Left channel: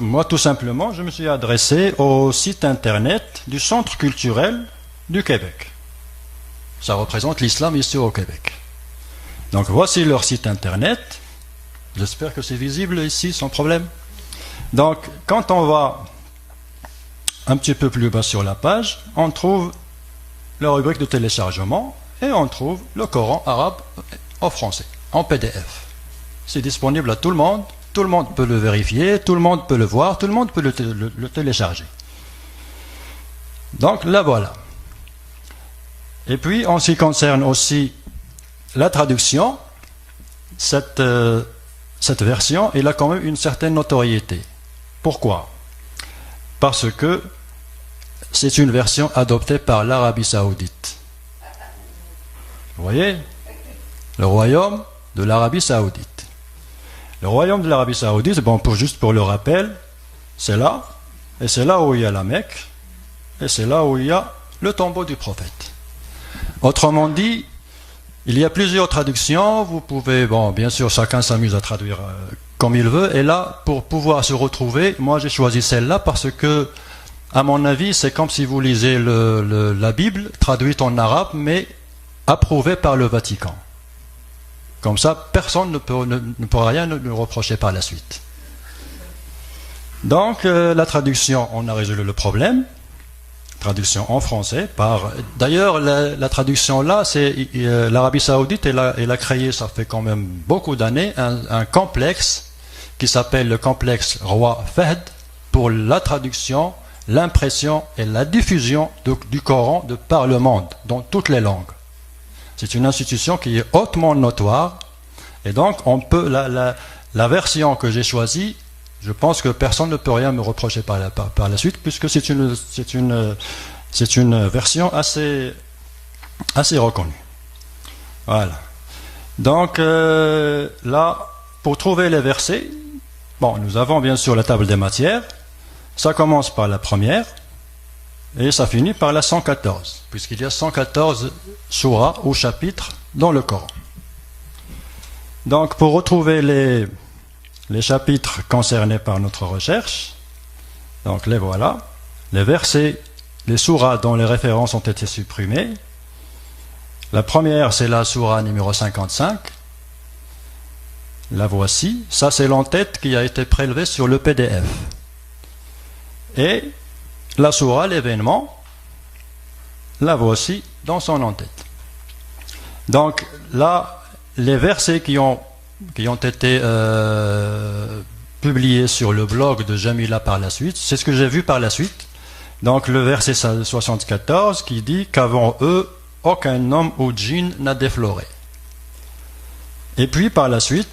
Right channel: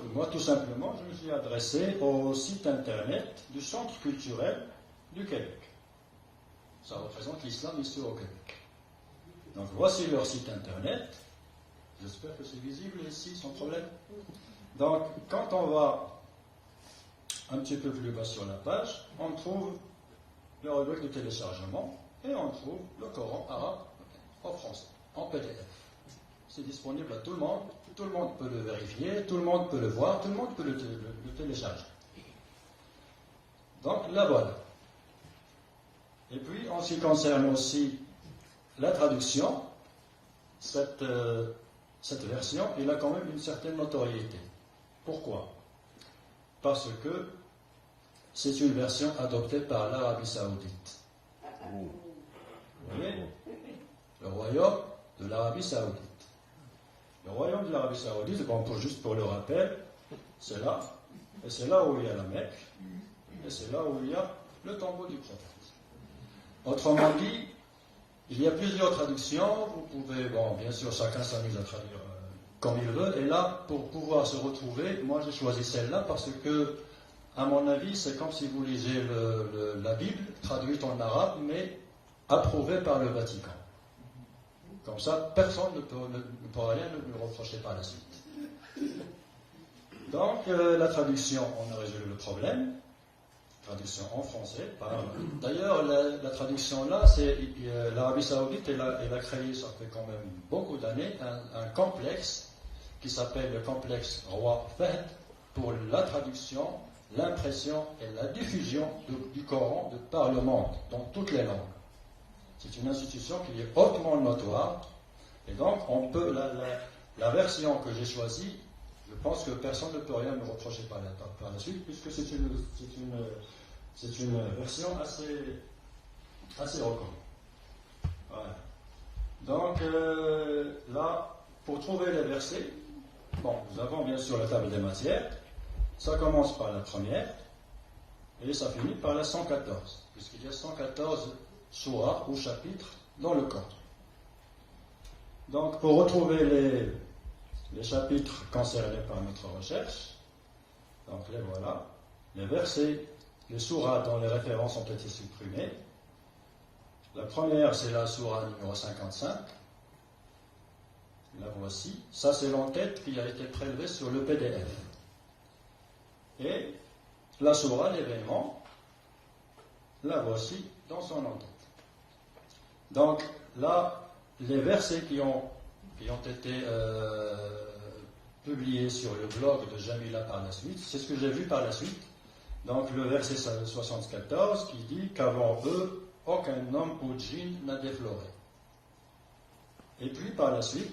Moi, tout simplement, je me suis adressé au site internet du Centre culturel du Québec. Ça représente l'islam ici au Québec. Donc voici leur site internet. J'espère que c'est visible ici sans problème. Donc quand on va un petit peu plus bas sur la page, on trouve la rubrique de téléchargement et on trouve le Coran arabe en français, en PDF. C'est disponible à tout le monde peut le vérifier, tout le monde peut le voir, tout le monde peut le télécharger. Donc là voilà. Et puis en ce qui concerne aussi la traduction, cette version, elle a quand même une certaine notoriété. Pourquoi? Parce que c'est une version adoptée par l'Arabie Saoudite. Vous voyez? Le royaume de l'Arabie Saoudite. Le royaume de l'Arabie Saoudite, bon, juste pour le rappel, c'est là, et c'est là où il y a la Mecque, et c'est là où il y a le tombeau du prophète. Autrement dit, il y a plusieurs traductions, vous pouvez, bon, bien sûr, chacun s'amuse à traduire comme il veut, et là, pour pouvoir se retrouver, moi j'ai choisi celle-là parce que, à mon avis, c'est comme si vous lisez la Bible, traduite en arabe, mais approuvée par le Vatican. Comme ça, personne ne pourra rien nous reprocher par la suite. Donc, la traduction, on a résolu le problème. Traduction en français. D'ailleurs, la traduction là, c'est l'Arabie Saoudite, elle a créé, ça fait quand même beaucoup d'années, un complexe qui s'appelle le complexe Roi Fahd pour la traduction, l'impression et la diffusion du Coran de par le monde, dans toutes les langues. C'est une institution qui est hautement notoire, et donc on peut la version que j'ai choisie, je pense que personne ne peut rien me reprocher par la suite, puisque c'est une version assez reconnue. Voilà. Donc là, pour trouver les versets, bon, nous avons bien sûr la table des matières. Ça commence par la première et ça finit par la 114, puisqu'il y a 114 surahs ou chapitres dans le Coran. Donc pour retrouver les chapitres concernés par notre recherche, donc les voilà, les versets, les surahs dont les références ont été supprimées. La première, c'est la surah numéro 55. La voici. Ça, c'est l'entête qui a été prélevée sur le PDF. Et la surah, l'événement, la voici dans son entête. Donc là, les versets qui ont été publiés sur le blog de Jamila par la suite, c'est ce que j'ai vu par la suite. Donc le verset 74 qui dit qu'avant eux, aucun homme ou djinn n'a défloré. Et puis par la suite,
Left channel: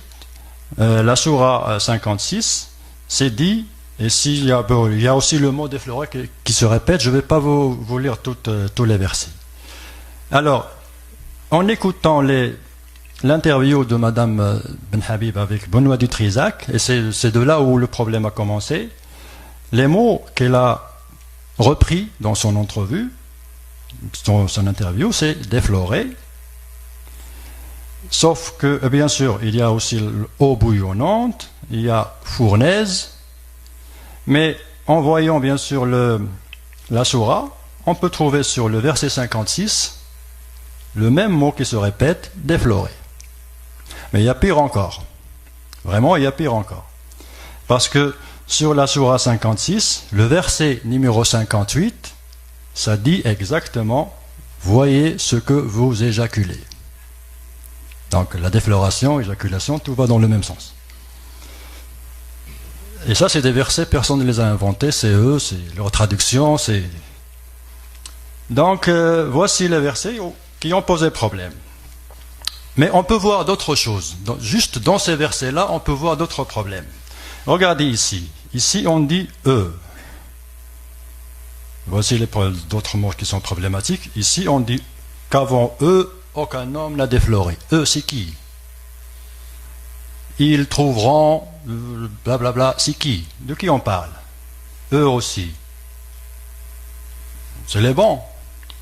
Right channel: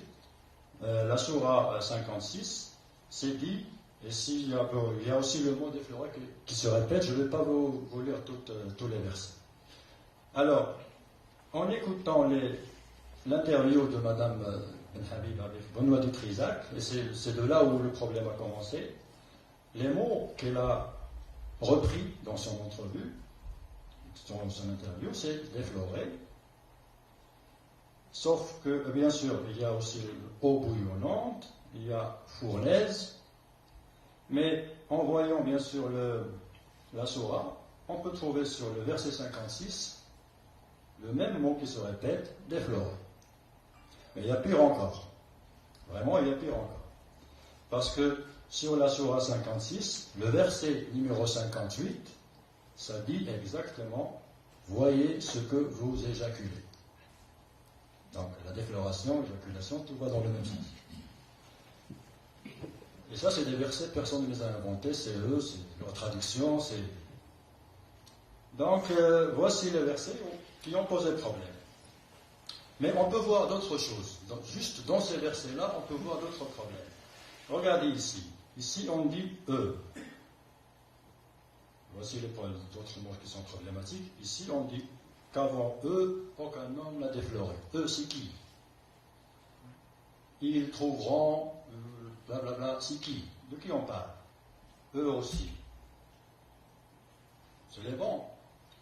la sourate 56, c'est dit, et il y a aussi le mot défloré qui se répète, je ne vais pas vous lire tous les versets. Alors, en écoutant l'interview de Madame Ben Habib avec Benoît Dutrisac, et c'est de là où le problème a commencé, les mots qu'elle a repris dans son entrevue, son interview, c'est défloré. Sauf que, bien sûr, il y a aussi eau bouillonnante, il y a fournaise, mais en voyant bien sûr la sourate, on peut trouver sur le verset 56 le même mot qui se répète, défloré. Mais il y a pire encore. Vraiment, il y a pire encore. Parce que sur la sourate 56, le verset numéro 58, ça dit exactement « Voyez ce que vous éjaculez ». Donc la défloration, éjaculation, tout va dans le même sens. Et ça, c'est des versets, personne ne les a inventés, c'est eux, c'est leur traduction, c'est... Donc voici les versets qui ont posé problème. Mais on peut voir d'autres choses. Juste dans ces versets-là, on peut voir d'autres problèmes. Regardez ici. Ici, on dit « eux ». Voici d'autres mots qui sont problématiques. Ici, on dit qu'avant eux, aucun homme n'a défloré. Eux, c'est qui? Ils trouveront, blablabla, c'est qui? De qui on parle? Eux aussi. C'est les bons.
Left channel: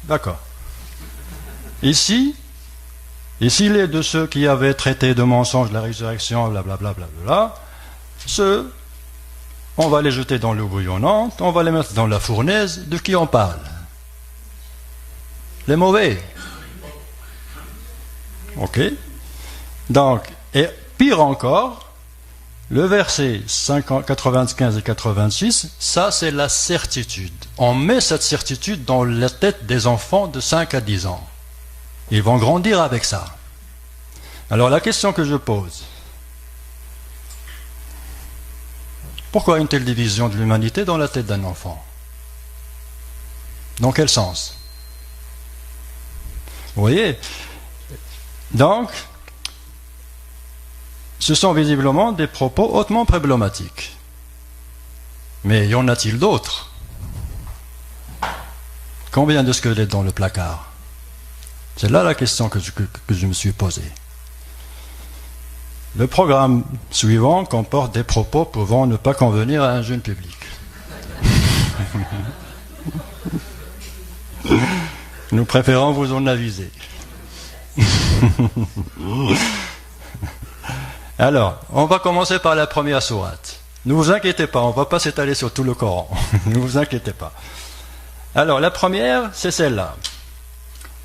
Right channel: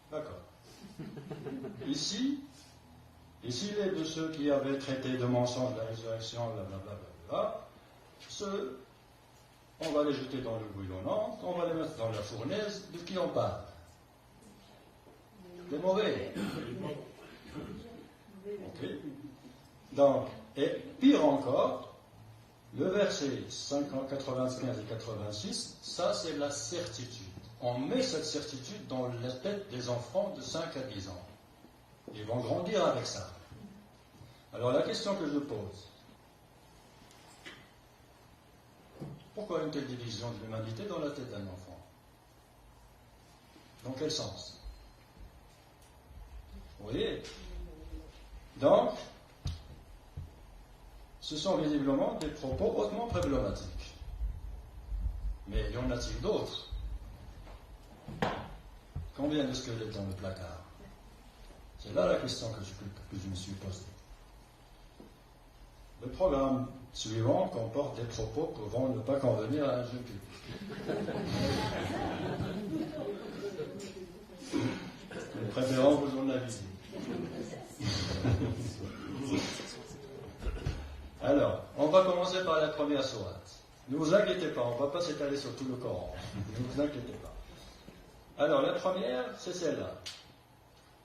D'accord. Ici, les de ceux qui avaient traité de mensonge la résurrection, blablabla, ceux on va les jeter dans l'eau bouillonnante, on va les mettre dans la fournaise. De qui on parle? Les mauvais. Ok. Donc, et pire encore, le verset 95 et 86, ça c'est la certitude. On met cette certitude dans la tête des enfants de 5 à 10 ans. Ils vont grandir avec ça. Alors la question que je pose, pourquoi une telle division de l'humanité dans la tête d'un enfant? Dans quel sens? Vous voyez? Donc, ce sont visiblement des propos hautement problématiques. Mais y en a-t-il d'autres? Combien de squelettes dans le placard? C'est là la question que je me suis posée. Le programme suivant comporte des propos pouvant ne pas convenir à un jeune public. Nous préférons vous en aviser. Alors, on va commencer par la première sourate. Ne vous inquiétez pas, on ne va pas s'étaler sur tout le Coran. Ne vous inquiétez pas. Alors, la première, c'est celle-là.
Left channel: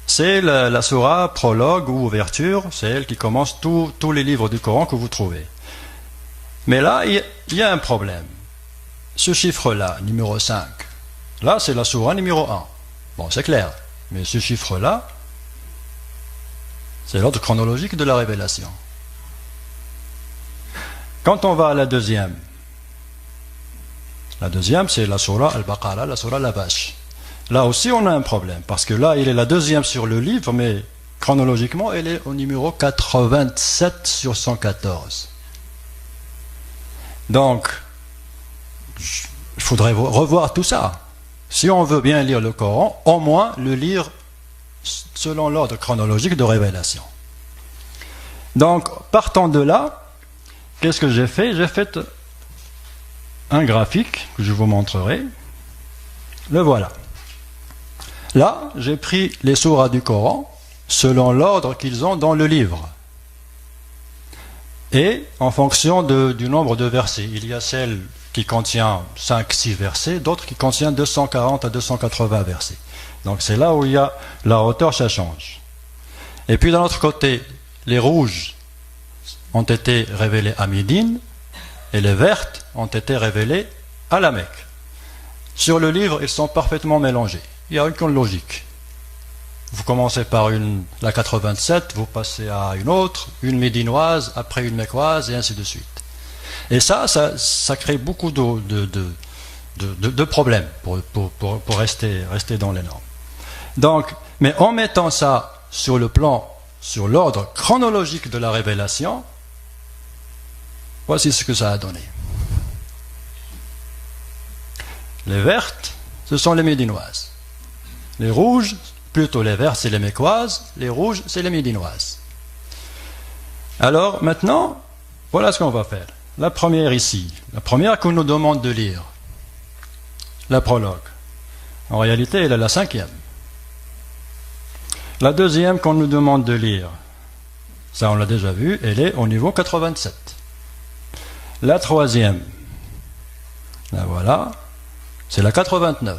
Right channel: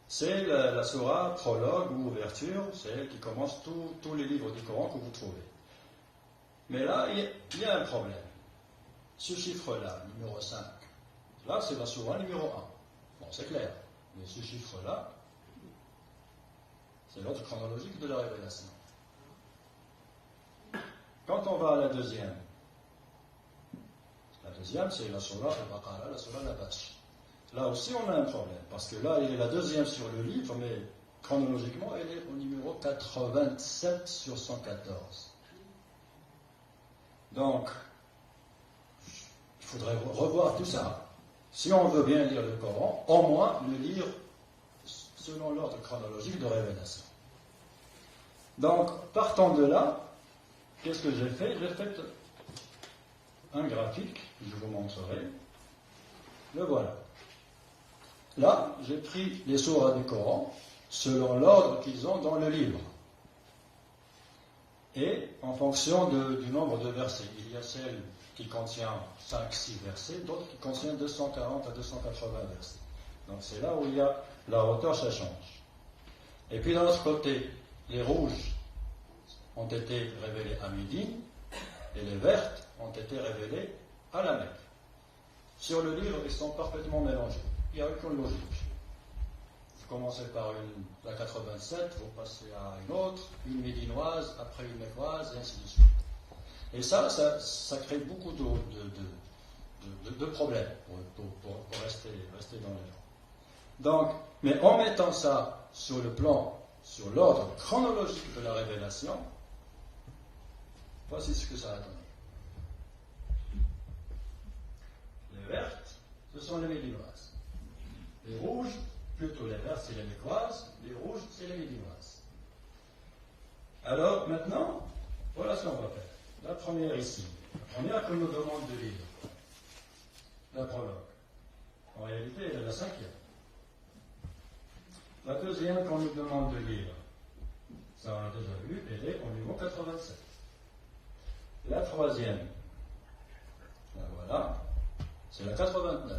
C'est la sourate prologue ou ouverture, c'est elle qui commence tous les livres du Coran que vous trouvez. Mais là, il y a un problème. Ce chiffre-là, numéro 5, là, c'est la sourate numéro 1. Bon, c'est clair. Mais ce chiffre-là, c'est l'ordre chronologique de la révélation. Quand on va à la deuxième, c'est la sourate Al-Baqarah, la sourate la vache. Là aussi, on a un problème, parce que là, il est la deuxième sur le livre, mais chronologiquement, elle est au numéro 87 sur 114. Donc, il faudrait revoir tout ça. Si on veut bien lire le Coran, au moins le lire selon l'ordre chronologique de révélation. Donc, partant de là, qu'est-ce que j'ai fait? J'ai fait un graphique que je vous montrerai. Le voilà. Là, j'ai pris les sourates du Coran selon l'ordre qu'ils ont dans le livre. Et en fonction du nombre de versets. Il y a celle qui contient 5-6 versets, d'autres qui contiennent 240 à 280 versets. Donc c'est là où il y a la hauteur, ça change. Et puis d'un autre côté, les rouges ont été révélés à Médine et les vertes ont été révélées à la Mecque. Sur le livre, ils sont parfaitement mélangés. Il n'y a aucune logique. Vous commencez par la 87, vous passez à une autre, une médinoise, après une mécoise, et ainsi de suite. Et ça crée beaucoup de problèmes pour rester dans les normes. Donc, mais en mettant ça sur l'ordre chronologique de la révélation, voici ce que ça a donné. Les vertes, ce sont les médinoises. Les rouges, plutôt les verts, c'est les mécoises. Les rouges, c'est les médinoises. Alors, maintenant, voilà ce qu'on va faire. La première ici, la première qu'on nous demande de lire, la prologue. En réalité, elle est la 5e. La deuxième qu'on nous demande de lire, ça on l'a déjà vu, elle est au niveau 87. La troisième, la voilà, c'est la 89.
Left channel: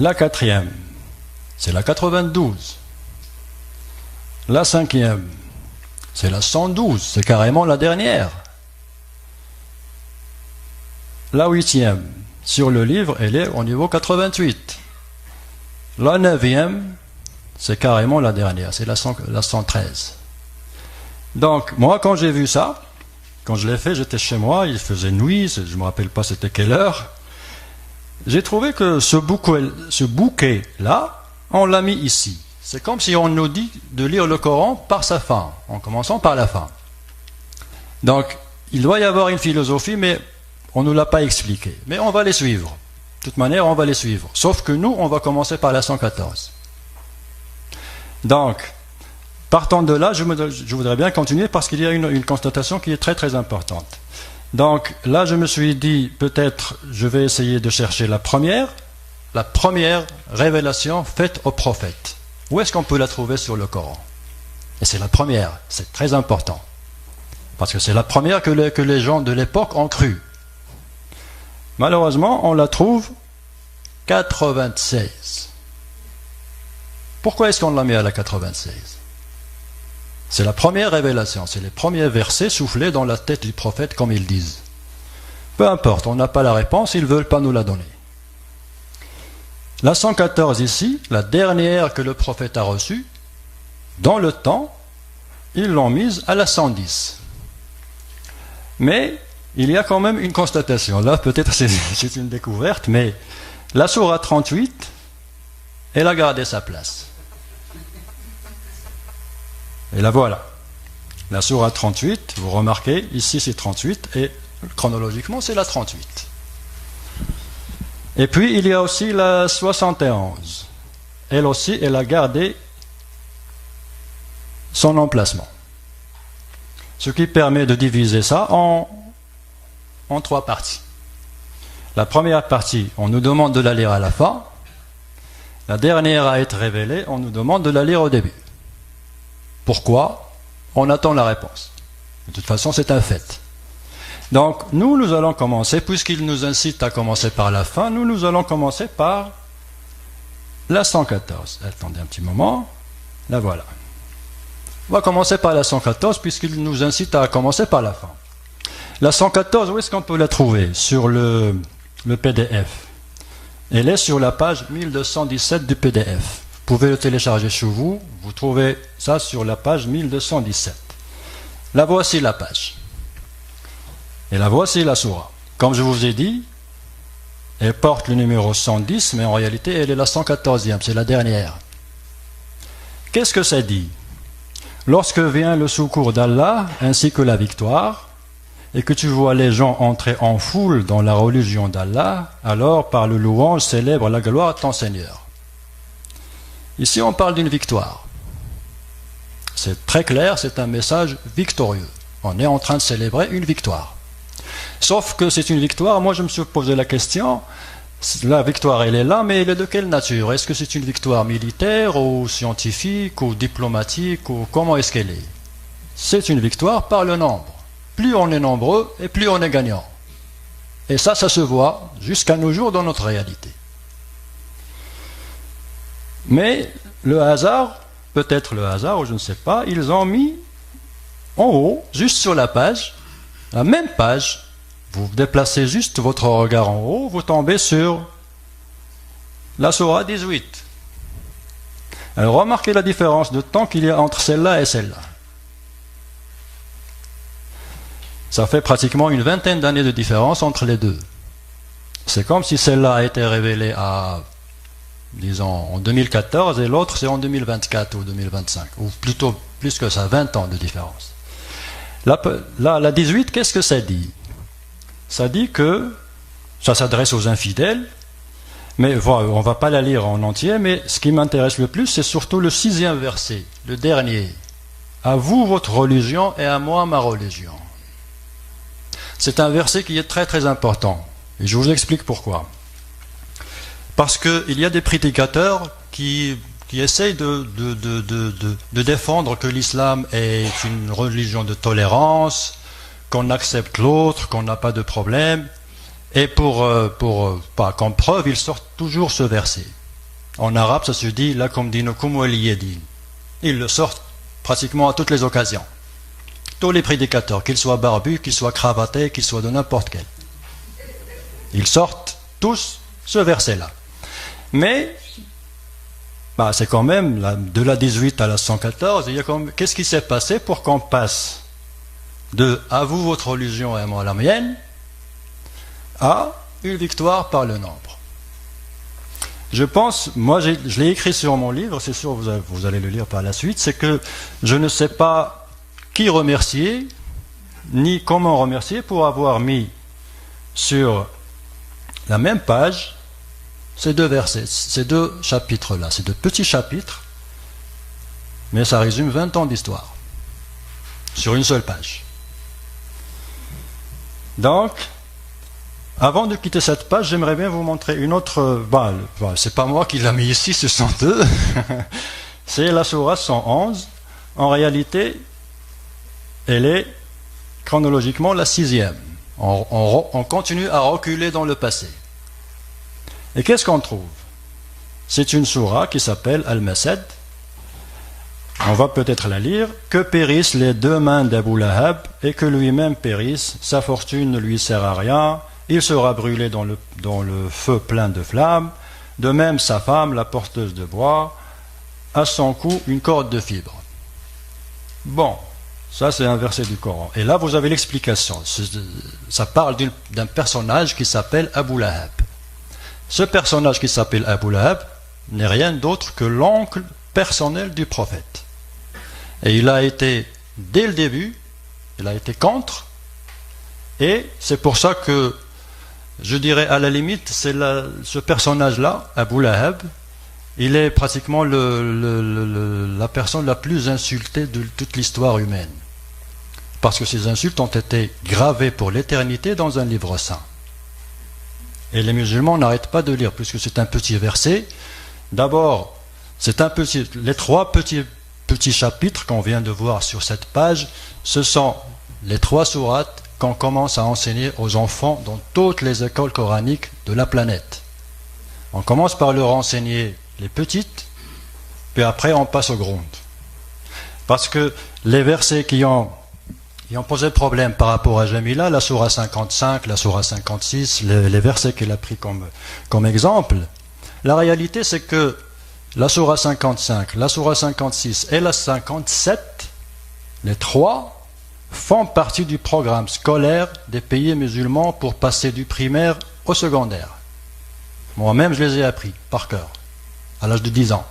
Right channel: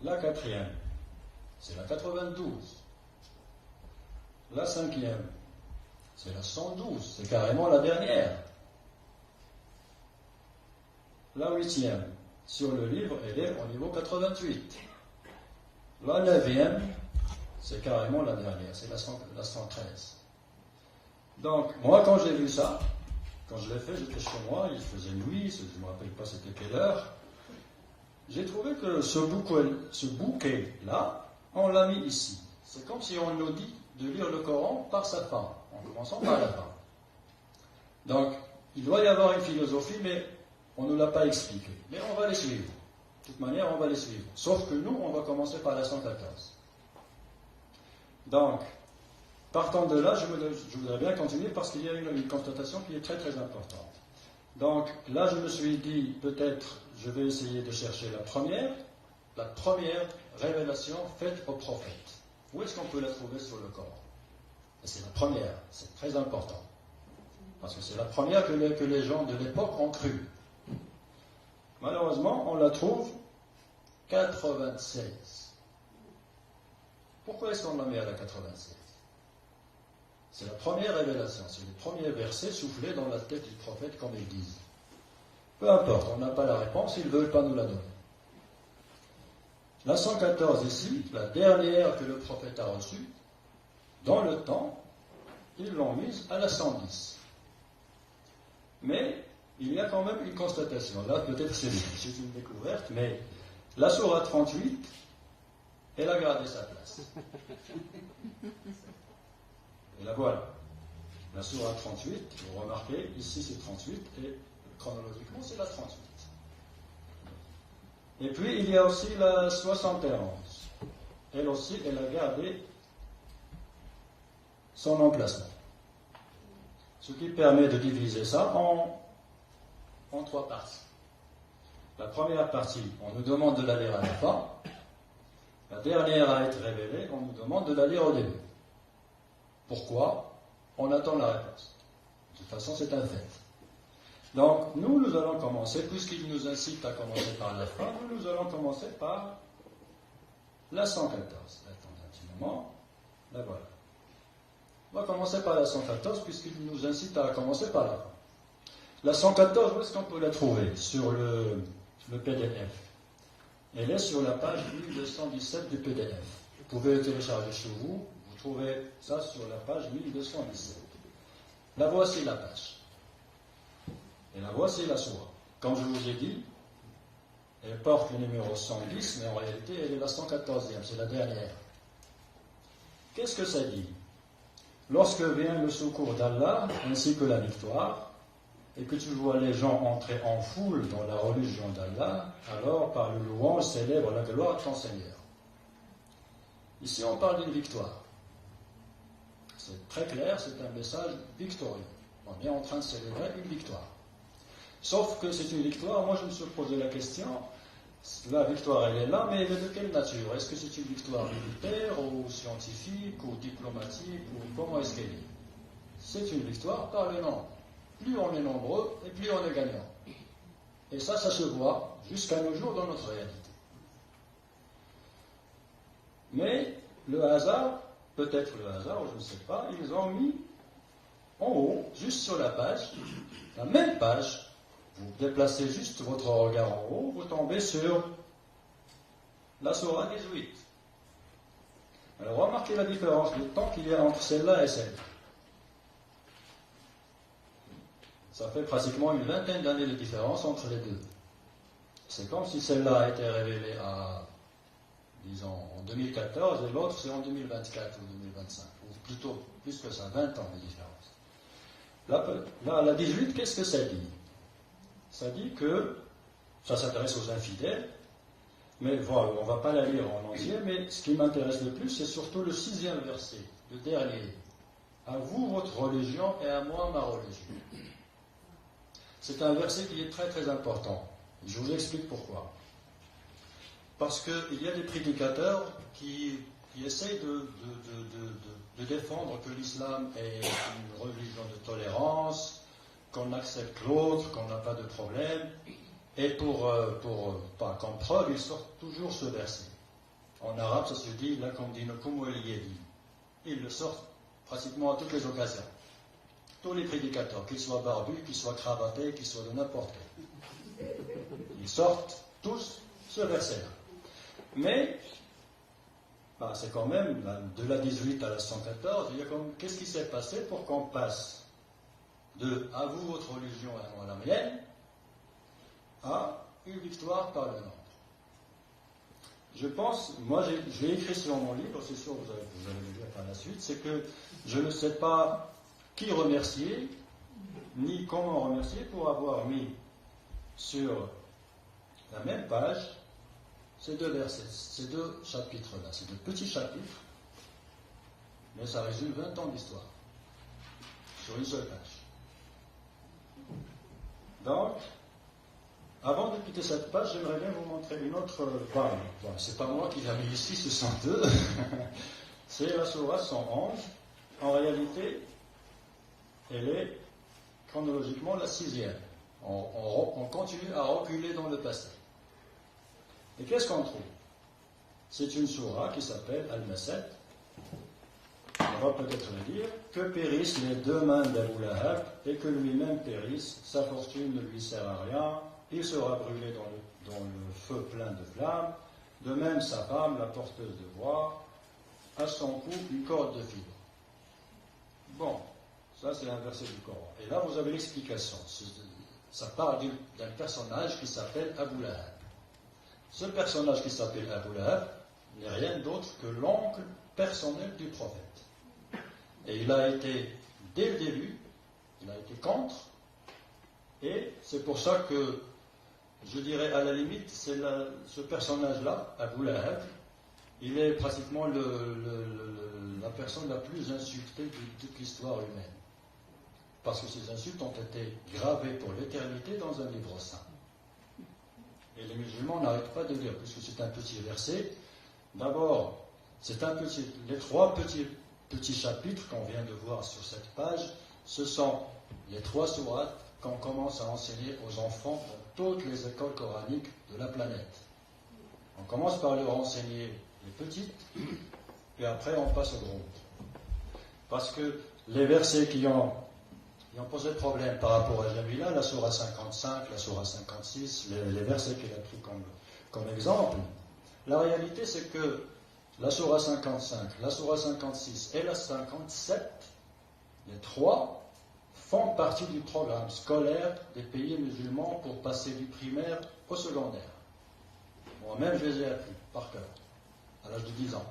La quatrième, c'est la 92. La cinquième, c'est la 112, c'est carrément la dernière. La huitième, sur le livre, elle est au niveau 88. La neuvième, c'est carrément la dernière, c'est la 113. Donc, moi, quand j'ai vu ça, quand je l'ai fait, j'étais chez moi, il faisait nuit, je ne me rappelle pas c'était quelle heure. J'ai trouvé que ce bouquet-là, on l'a mis ici. C'est comme si on nous dit de lire le Coran par sa fin, en commençant par la fin. Donc, il doit y avoir une philosophie, mais on ne nous l'a pas expliqué. Mais on va les suivre. De toute manière, on va les suivre. Sauf que nous, on va commencer par la 114. Donc, partant de là, je voudrais bien continuer parce qu'il y a une constatation qui est très très importante. Donc là, je me suis dit, peut-être, je vais essayer de chercher la première révélation faite au prophète. Où est-ce qu'on peut la trouver sur le Coran? Et c'est la première, c'est très important. Parce que c'est la première que les gens de l'époque ont cru. Malheureusement, on la trouve 96. Pourquoi est-ce qu'on l'a mis à la 96? C'est la première révélation, c'est les premiers versets soufflés dans la tête du prophète, comme ils disent. Peu importe, on n'a pas la réponse, ils ne veulent pas nous la donner. La 114 ici, la dernière que le prophète a reçue, dans le temps, ils l'ont mise à la 110. Mais il y a quand même une constatation. Là, peut-être c'est une découverte, mais la sourate 38, elle a gardé sa place. Et la voilà. La sourate 38, vous remarquez, ici c'est 38, et chronologiquement c'est la 38. Et puis il y a aussi la 71. Elle aussi, elle a gardé son emplacement. Ce qui permet de diviser ça en 3 parties. La première partie, on nous demande de la lire à la fin. La dernière à être révélée, on nous demande de la lire au début. Pourquoi? On attend la réponse. De toute façon, c'est un fait. Donc, nous allons commencer, puisqu'il nous incite à commencer par la fin, nous allons commencer par la 114. Attendez un petit moment. La voilà. On va commencer par la 114, puisqu'il nous incite à commencer par la fin. La 114, où est-ce qu'on peut la trouver? Sur le PDF. Elle est sur la page 1217 du PDF. Vous pouvez le télécharger chez vous. Vous trouvez ça sur la page 1217. La voici la page. Et la voici la sourate. Comme je vous ai dit, elle porte le numéro 110, mais en réalité, elle est la 114e. C'est la dernière. Qu'est-ce que ça dit? Lorsque vient le secours d'Allah, ainsi que la victoire, et que tu vois les gens entrer en foule dans la religion d'Allah, alors par le louange célèbre la gloire de ton Seigneur. Ici, on parle d'une victoire. C'est très clair, c'est un message victorieux. On est en train de célébrer une victoire. Sauf que c'est une victoire, moi je me suis posé la question, la victoire elle est là, mais elle est de quelle nature? Est-ce que c'est une victoire militaire, ou scientifique, ou diplomatique, ou comment est-ce qu'elle est? C'est une victoire par le nombre. Plus on est nombreux, et plus on est gagnant. Et ça se voit jusqu'à nos jours dans notre réalité. Mais le hasard, peut-être le hasard, ou je ne sais pas, ils ont mis en haut, juste sur la page, la même page, vous déplacez juste votre regard en haut, vous tombez sur la sourate 18. Alors remarquez la différence de temps qu'il y a entre celle-là et celle-là. Ça fait pratiquement une vingtaine d'années de différence entre les deux. C'est comme si celle-là a été révélée à, disons, en 2014 et l'autre c'est en 2024 ou 2025, ou plutôt plus que ça, 20 ans de différence. La 18, qu'est-ce que ça dit? Ça dit que ça s'adresse aux infidèles, mais on ne va pas la lire en entier, mais ce qui m'intéresse le plus, c'est surtout le 6e verset, le dernier. À vous votre religion et à moi ma religion. C'est un verset qui est très très important, et je vous explique pourquoi. Parce qu'il y a des prédicateurs qui essayent de défendre que l'islam est une religion de tolérance, qu'on accepte l'autre, qu'on n'a pas de problème. Et comme preuve, ils sortent toujours ce verset. En arabe, ça se dit « lakum dinukum waliya din ». Ils le sortent pratiquement à toutes les occasions. Tous les prédicateurs, qu'ils soient barbus, qu'ils soient cravatés, qu'ils soient de n'importe quel. Ils sortent tous ce verset-là. Mais c'est quand même, de la 18 à la 114, qu'est-ce qui s'est passé pour qu'on passe de « à vous votre religion et à moi la mienne » à une victoire par le nombre. Je pense, moi je l'ai écrit sur mon livre, c'est sûr vous allez le lire par la suite, c'est que je ne sais pas qui remercier, ni comment remercier pour avoir mis sur la même page ces deux versets, ces deux chapitres-là, ces deux petits chapitres, mais ça résume 20 ans d'histoire, sur une seule page. Donc, avant de quitter cette page, j'aimerais bien vous montrer une autre. C'est pas moi qui l'ai mis ici, ce sont eux. C'est la sourate 111. En réalité, elle est chronologiquement la 6e. On continue à reculer dans le passé. Et qu'est-ce qu'on trouve? C'est une sourate qui s'appelle Al-Masad. On va peut-être la lire. Que périssent les deux mains d'Abu Lahab et que lui-même périsse. Sa fortune ne lui sert à rien. Il sera brûlé dans le feu plein de flammes. De même sa femme, la porteuse de bois, à son cou une corde de fibres. Bon, ça c'est un verset du Coran. Et là vous avez l'explication. Ça parle d'un personnage qui s'appelle Abu Lahab. Ce personnage qui s'appelle Abu Lahab n'est rien d'autre que l'oncle personnel du prophète. Et il a été, dès le début, il a été contre. Et c'est pour ça que, je dirais à la limite, ce personnage-là, Abu Lahab, il est pratiquement la personne la plus insultée de toute l'histoire humaine. Parce que ces insultes ont été gravées pour l'éternité dans un livre saint. Et les musulmans n'arrêtent pas de lire, puisque c'est un petit verset. D'abord, les trois petits chapitres qu'on vient de voir sur cette page, ce sont les 3 sourates qu'on commence à enseigner aux enfants dans toutes les écoles coraniques de la planète. On commence par leur enseigner les petites, puis après on passe aux grandes. Parce que les versets qui ont posé problème par rapport à Jamila, la sourate 55, la sourate 56, les versets qu'elle a pris comme exemple, la réalité c'est que la sourate 55, la sourate 56 et la 57, les 3 font partie du programme scolaire des pays musulmans pour passer du primaire au secondaire. Moi-même, je les ai appris par cœur, à l'âge de 10 ans.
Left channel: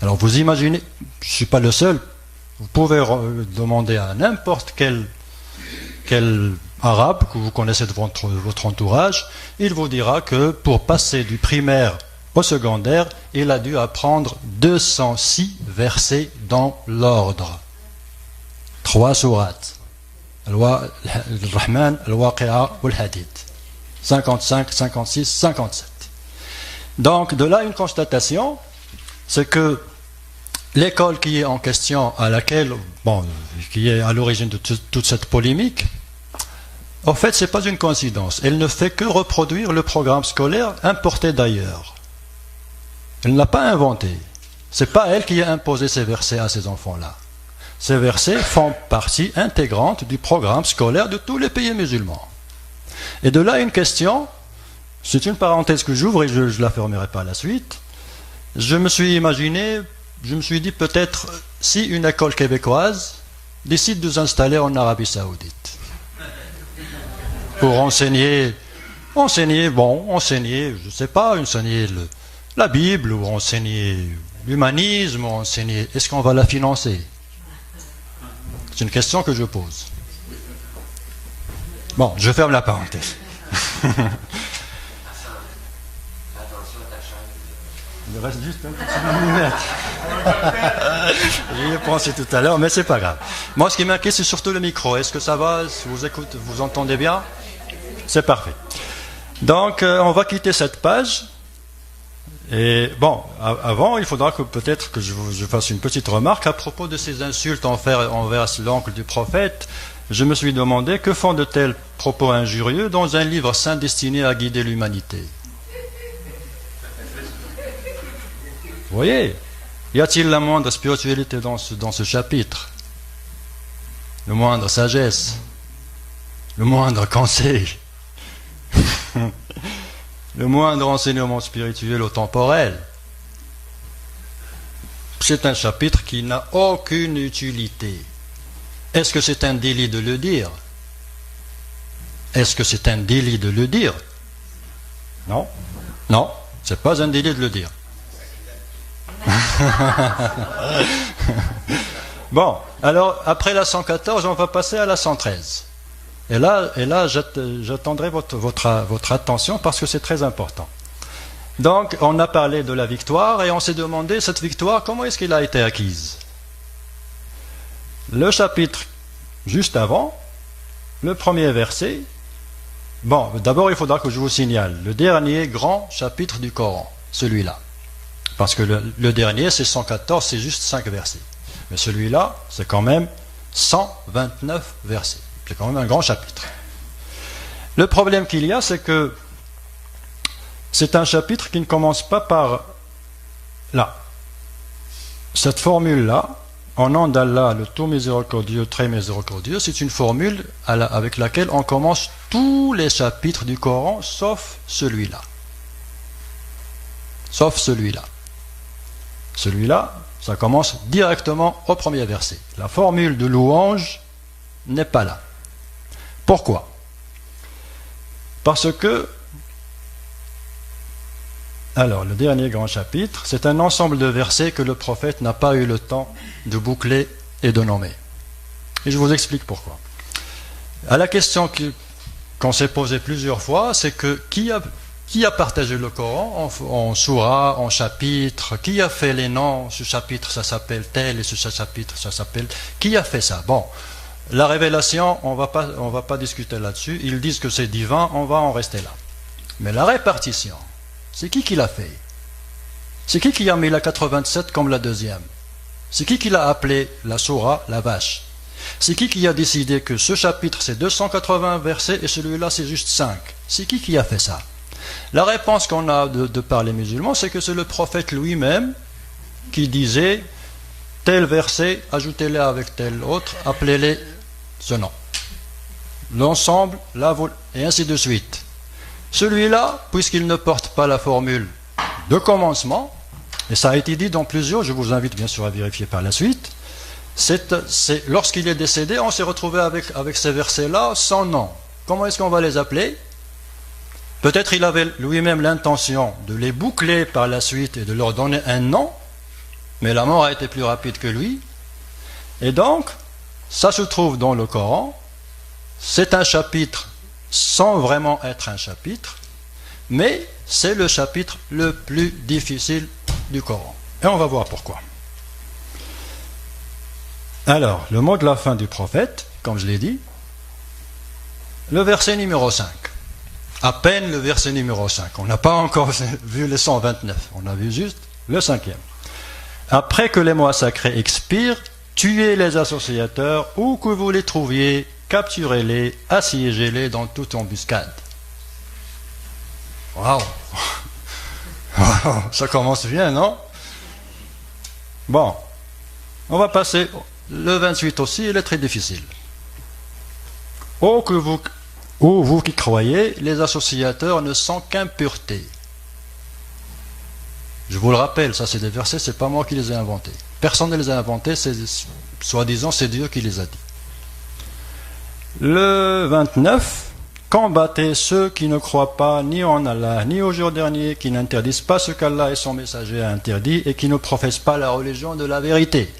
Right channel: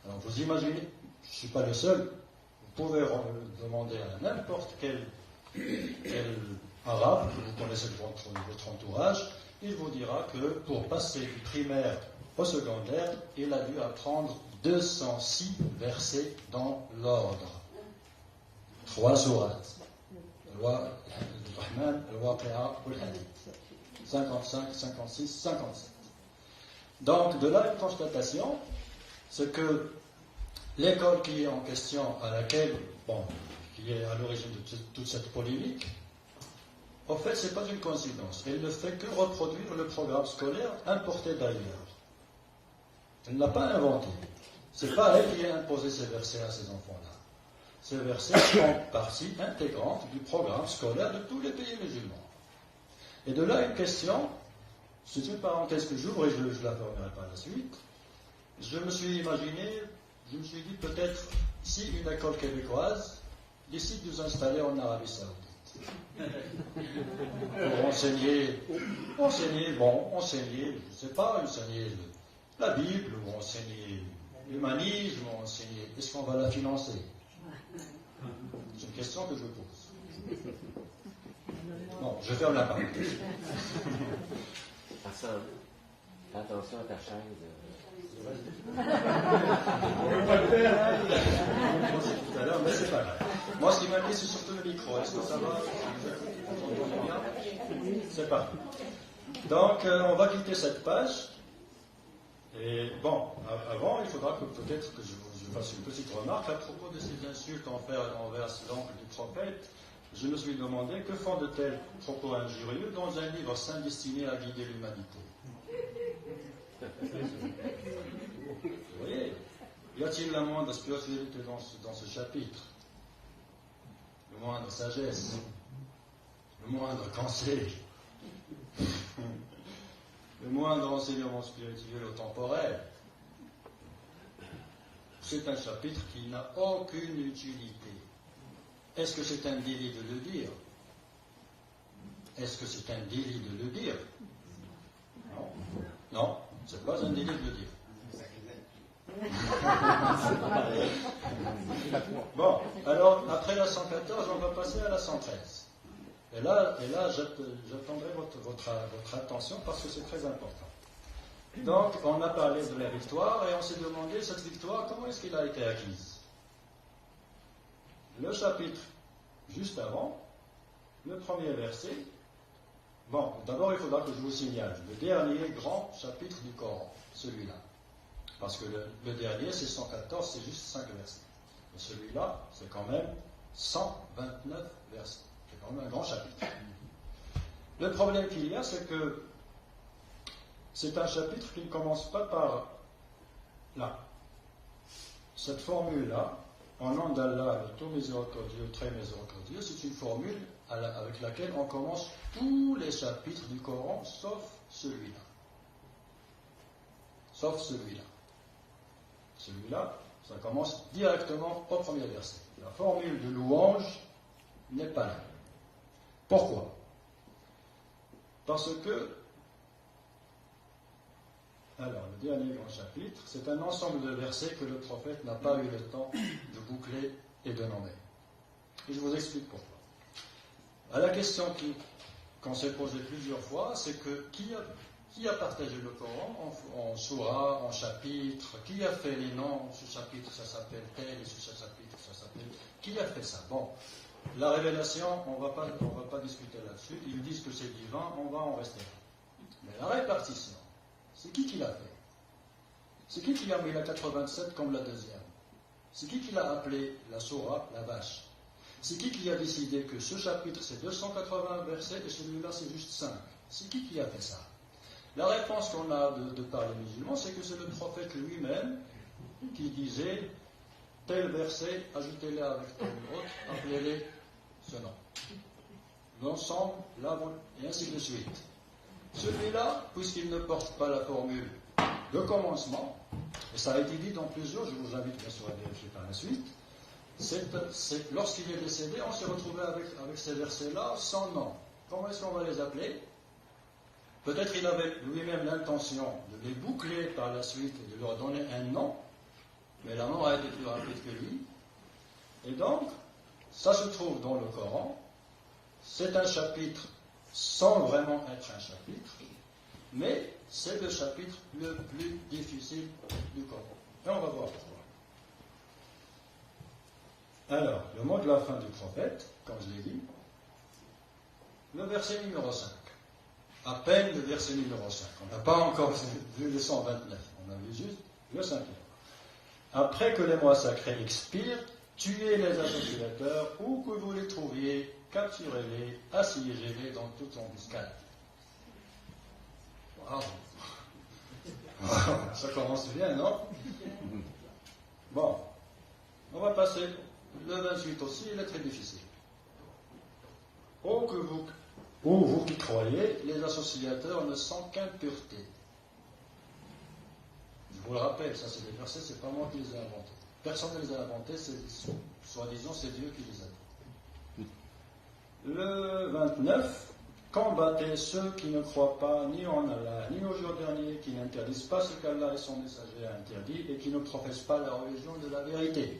Alors vous imaginez, je ne suis pas le seul, vous pouvez demander à n'importe quel arabe que vous connaissez de votre entourage, il vous dira que pour passer du primaire au secondaire, il a dû apprendre 206 versets dans l'ordre. 3 sourates. Al-Rahman, Al-Waqi'a ou Al-Hadid. 55, 56, 57. Donc, de là, une constatation, c'est que l'école qui est en question, qui est à l'origine de toute cette polémique, en fait, ce n'est pas une coïncidence. Elle ne fait que reproduire le programme scolaire importé d'ailleurs. Elle ne l'a pas inventé. Ce n'est pas elle qui a imposé ces versets à ces enfants-là. Ces versets font partie intégrante du programme scolaire de tous les pays musulmans. Et de là, une question, c'est une parenthèse que j'ouvre et je ne la fermerai pas à la suite. Je me suis dit peut-être si une école québécoise décide de s'installer en Arabie Saoudite pour enseigner, je ne sais pas, enseigner la Bible ou enseigner l'humanisme, est-ce qu'on va la financer? C'est une question que je pose. Bon, je ferme la parenthèse. Il me reste juste un petit minute. J'y ai pensé tout à l'heure, mais c'est pas grave. Moi, ce qui m'inquiète, c'est surtout le micro. Est-ce que ça va? Si vous écoutez, vous entendez bien? C'est parfait. Donc, on va quitter cette page. Et bon, avant, il faudra que peut-être que je fasse une petite remarque à propos de ces insultes envers l'oncle du prophète. Je me suis demandé que font de tels propos injurieux dans un livre saint destiné à guider l'humanité. Vous voyez, y a-t-il la moindre spiritualité dans ce chapitre? Le moindre sagesse? Le moindre conseil? Le moindre enseignement spirituel ou temporel? C'est un chapitre qui n'a aucune utilité. Est-ce que c'est un délit de le dire? Est-ce que c'est un délit de le dire? Non. Non, c'est pas un délit de le dire. Bon, alors après la 114, on va passer à la 113. Et là, j'attendrai votre attention parce que c'est très important. Donc, on a parlé de la victoire et on s'est demandé, cette victoire, comment est-ce qu'elle a été acquise? Le chapitre juste avant, le premier verset. Bon, d'abord, il faudra que je vous signale le dernier grand chapitre du Coran, celui-là. Parce que le dernier, c'est 114, c'est juste 5 versets. Mais celui-là, c'est quand même 129 versets. C'est quand même un grand chapitre. Le problème qu'il y a, c'est que c'est un chapitre qui ne commence pas par là. Cette formule-là, en nom d'Allah, le tout miséricordieux, très miséricordieux, c'est une formule avec laquelle on commence tous les chapitres du Coran, sauf celui-là. Sauf celui-là. Celui-là, ça commence directement au premier verset. La formule de louange n'est pas là. Pourquoi? Parce que, alors, le dernier grand chapitre, c'est un ensemble de versets que le prophète n'a pas eu le temps de boucler et de nommer. Et je vous explique pourquoi. À la question qu'on s'est posée plusieurs fois, c'est que qui a partagé le Coran en sourate, en chapitre? Qui a fait les noms? Ce chapitre, ça s'appelle tel, et ce chapitre, ça s'appelle... Qui a fait ça? Bon, la révélation, on va pas discuter là-dessus. Ils disent que c'est divin, on va en rester là. Mais la répartition, c'est qui l'a fait? C'est qui a mis la 87 comme la deuxième? C'est qui l'a appelé la sourate, la vache? C'est qui a décidé que ce chapitre c'est 280 versets et celui-là c'est juste 5? C'est qui a fait ça? La réponse qu'on a de par les musulmans, c'est que c'est le prophète lui-même qui disait tel verset, ajoutez-les avec tel autre, appelez-les ce nom. L'ensemble, et ainsi de suite. Celui-là, puisqu'il ne porte pas la formule de commencement, et ça a été dit dans plusieurs, je vous invite bien sûr à vérifier par la suite, lorsqu'il est décédé, on s'est retrouvé avec ces versets-là sans nom. Comment est-ce qu'on va les appeler? Peut-être il avait lui-même l'intention de les boucler par la suite et de leur donner un nom, mais la mort a été plus rapide que lui. Et donc, ça se trouve dans le Coran. C'est un chapitre sans vraiment être un chapitre, mais c'est le chapitre le plus difficile du Coran. Et on va voir pourquoi. Alors, le mot de la fin du prophète, comme je l'ai dit, le verset numéro 5. À peine le verset numéro 5. On n'a pas encore vu les 129. On a vu juste le 5e. Après que les mois sacrés expirent, tuez les associateurs, où que vous les trouviez, capturez-les, assiégez-les dans toute embuscade. Waouh! Ça commence bien, non? Bon, on va passer. Le 28 aussi, il est très difficile. Ô vous qui croyez, les associateurs ne sont qu'impureté. Je vous le rappelle, ça c'est des versets, c'est pas moi qui les ai inventés. Personne ne les a inventés, soi-disant c'est Dieu qui les a dit. Le 29, combattez ceux qui ne croient pas ni en Allah, ni au jour dernier, qui n'interdisent pas ce qu'Allah et son messager a interdit et qui ne professent pas la religion de la vérité,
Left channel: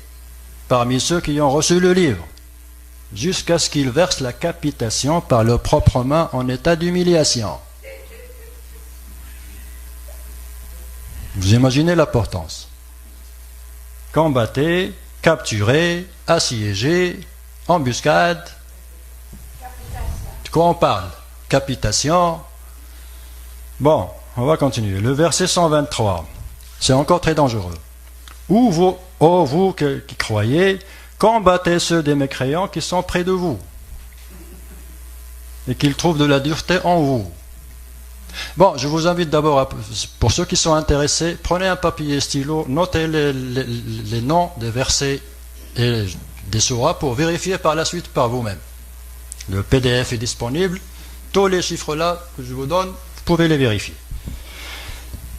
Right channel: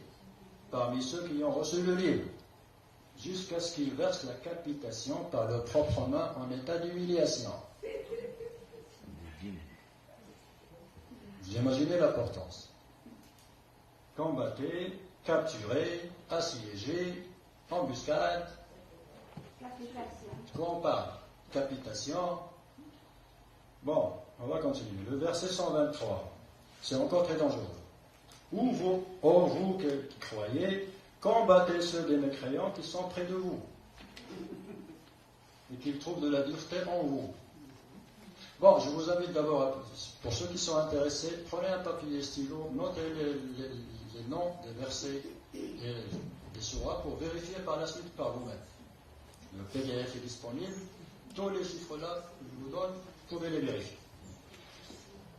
parmi ceux qui ont reçu le livre, jusqu'à ce qu'ils versent la capitation par leurs propres mains en état d'humiliation. Vous imaginez l'importance. Combattez, capturez, assiégez, embuscade. De quoi on parle? Capitation. Bon, on va continuer. Le verset 123, c'est encore très dangereux. Ô vous qui croyez, combattez ceux des mécréants qui sont près de vous et qu'ils trouvent de la dureté en vous. Bon, je vous invite d'abord, pour ceux qui sont intéressés, prenez un papier et stylo, notez les noms des versets et des sourates pour vérifier par la suite par vous-même. Le PDF est disponible. Tous les chiffres là que je vous donne, vous pouvez les vérifier.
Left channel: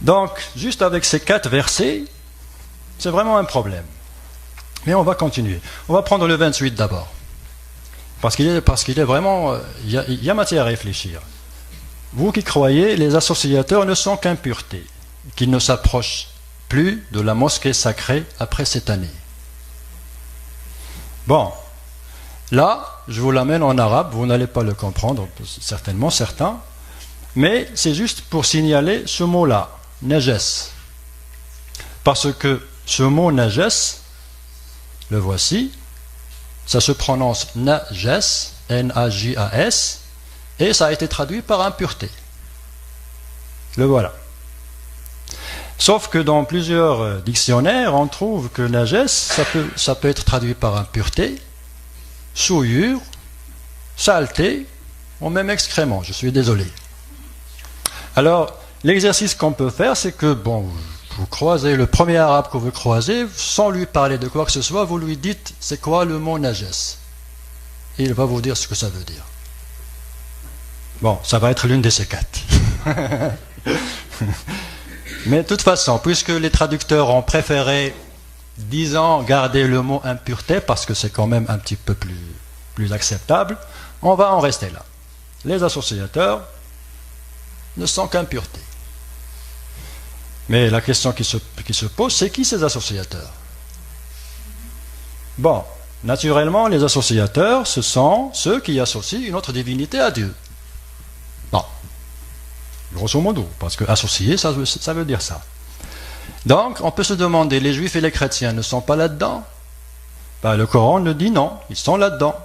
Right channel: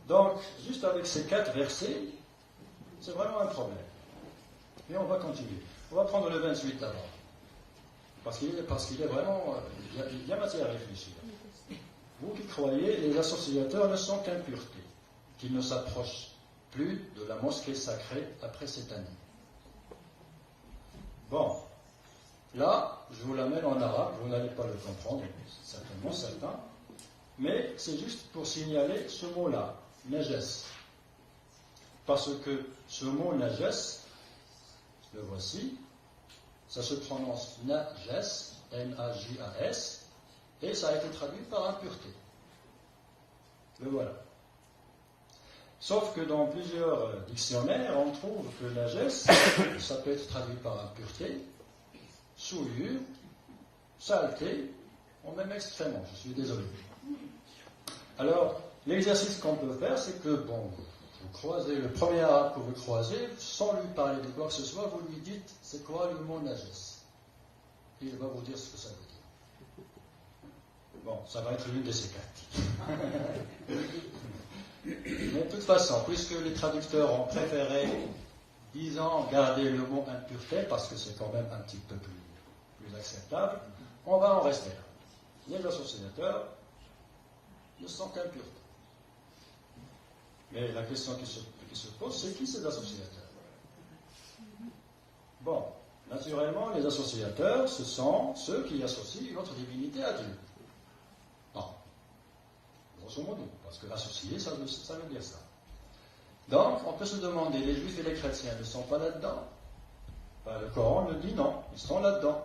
Donc, juste avec ces 4 versets, c'est vraiment un problème. Mais on va continuer. On va prendre le 28 d'abord. Parce qu'il est vraiment... Il y a matière à réfléchir. Vous qui croyez, les associateurs ne sont qu'impureté, qu'ils ne s'approchent plus de la mosquée sacrée après cette année. Bon, là, je vous l'amène en arabe, vous n'allez pas le comprendre, certainement, certains, mais c'est juste pour signaler ce mot-là, najas. Parce que ce mot najas, le voici, ça se prononce najas, N-A-J-A-S, et ça a été traduit par impureté. Le voilà. Sauf que dans plusieurs dictionnaires, on trouve que najas, ça peut être traduit par impureté, souillure, saleté, ou même excrément, je suis désolé. Alors, l'exercice qu'on peut faire, c'est que, bon, vous croisez le premier arabe que vous croisez, sans lui parler de quoi que ce soit, vous lui dites, c'est quoi le mot najas? Et il va vous dire ce que ça veut dire. Bon, ça va être l'une de ces quatre. Mais de toute façon, puisque les traducteurs ont préféré, disons, garder le mot impureté, parce que c'est quand même un petit peu plus acceptable, on va en rester là. Les associateurs ne sont qu'impureté. Mais la question qui se pose, c'est qui ces associateurs? Bon, naturellement, les associateurs, ce sont ceux qui associent une autre divinité à Dieu. Bon, grosso modo, parce que associer, ça veut dire ça. Donc, on peut se demander, les juifs et les chrétiens ne sont pas là-dedans? Ben, le Coran nous dit non, ils sont là-dedans.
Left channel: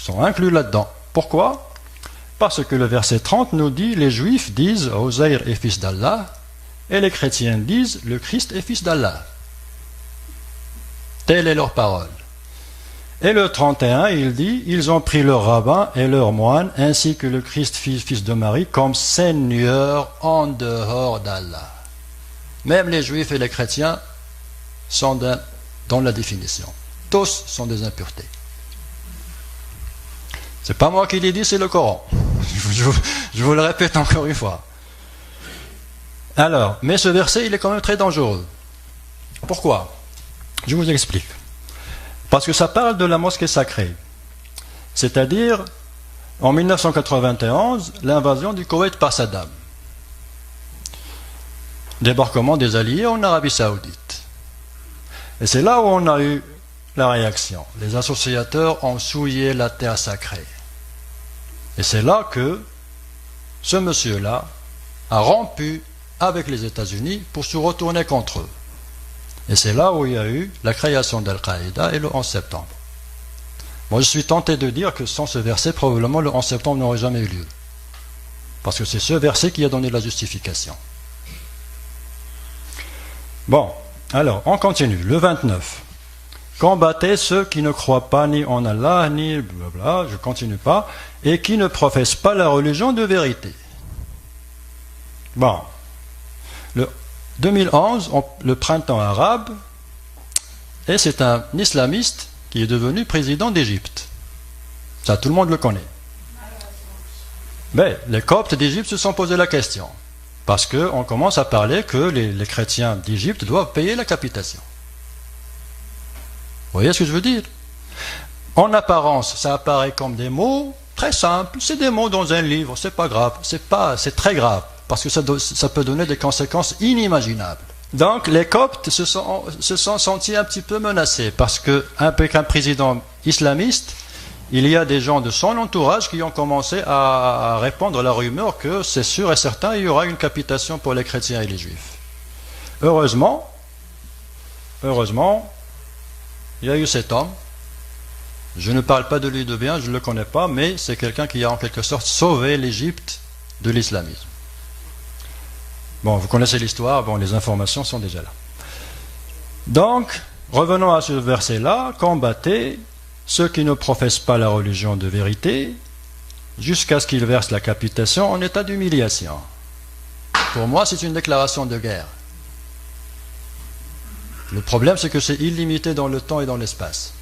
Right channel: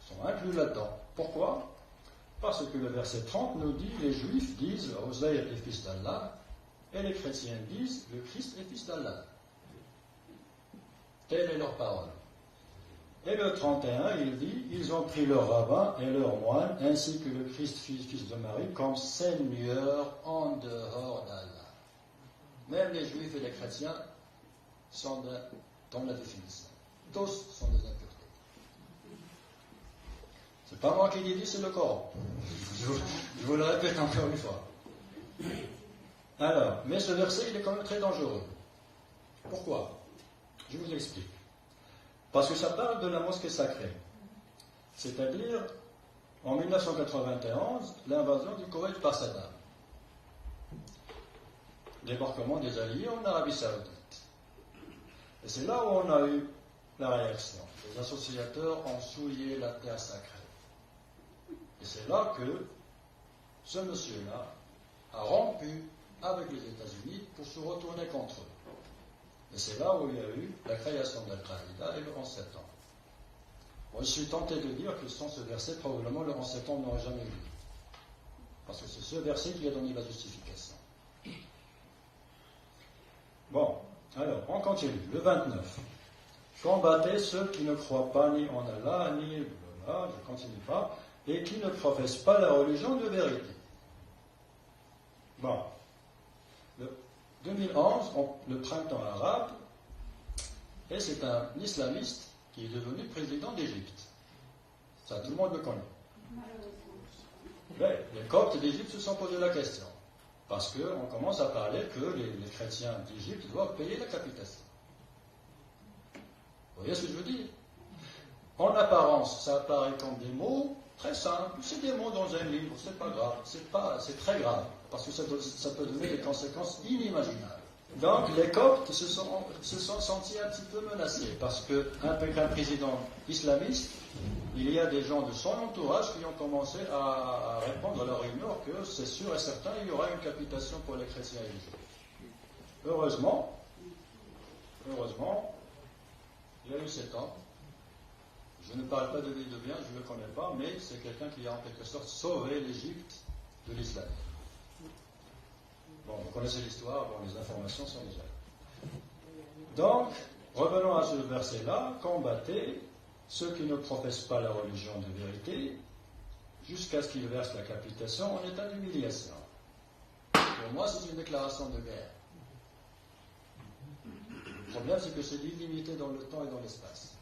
Ils sont inclus là-dedans. Pourquoi? Parce que le verset 30 nous dit, les juifs disent, Ozaïr est fils d'Allah, et les chrétiens disent, le Christ est fils d'Allah. Telle est leur parole. Et le 31, il dit, ils ont pris leur rabbin et leur moine, ainsi que le Christ fils de Marie, comme Seigneur en dehors d'Allah. Même les juifs et les chrétiens sont dans la définition. Tous sont des impuretés. C'est pas moi qui l'ai dit, c'est le Coran. Je vous le répète encore une fois. Alors, mais ce verset, il est quand même très dangereux. Pourquoi? Je vous explique. Parce que ça parle de la mosquée sacrée. C'est-à-dire, en 1991, l'invasion du Koweït par Saddam. Débarquement des Alliés en Arabie Saoudite. Et c'est là où on a eu la réaction. Les associateurs ont souillé la terre sacrée. Et c'est là que ce monsieur-là a rompu avec les États-Unis pour se retourner contre eux. Et c'est là où il y a eu la création d'Al-Qaïda et le 11 septembre. Moi, je suis tenté de dire que sans ce verset, probablement le 11 septembre n'aurait jamais eu lieu. Parce que c'est ce verset qui a donné la justification. Bon, alors, on continue. Le 29. Combattez ceux qui ne croient pas ni en Allah, ni blablabla, je ne continue pas, et qui ne professent pas la religion de vérité. Bon. Le 2011, le printemps arabe, et c'est un islamiste qui est devenu président d'Égypte. Ça, tout le monde le connaît. Mais les Coptes d'Égypte se sont posé la question. Parce qu'on commence à parler que les chrétiens d'Égypte doivent payer la capitation. Vous voyez ce que je veux dire? En apparence, ça apparaît comme des mots très simples. C'est des mots dans un livre, c'est pas grave. C'est très grave, parce que ça peut donner des conséquences inimaginables. Donc les Coptes se sont sentis un petit peu menacés, parce qu'avec un président islamiste, il y a des gens de son entourage qui ont commencé à répandre la rumeur que c'est sûr et certain, il y aura une capitation pour les chrétiens et les juifs. Heureusement, il y a eu cet homme. Je ne parle pas de lui de bien, je ne le connais pas, mais c'est quelqu'un qui a en quelque sorte sauvé l'Égypte de l'islamisme. Bon, vous connaissez l'histoire, bon, les informations sont déjà là. Donc, revenons à ce verset-là, combattez ceux qui ne professent pas la religion de vérité, jusqu'à ce qu'ils versent la capitation en état d'humiliation. Pour moi, c'est une déclaration de guerre. Le problème, c'est que c'est illimité dans le temps et dans l'espace.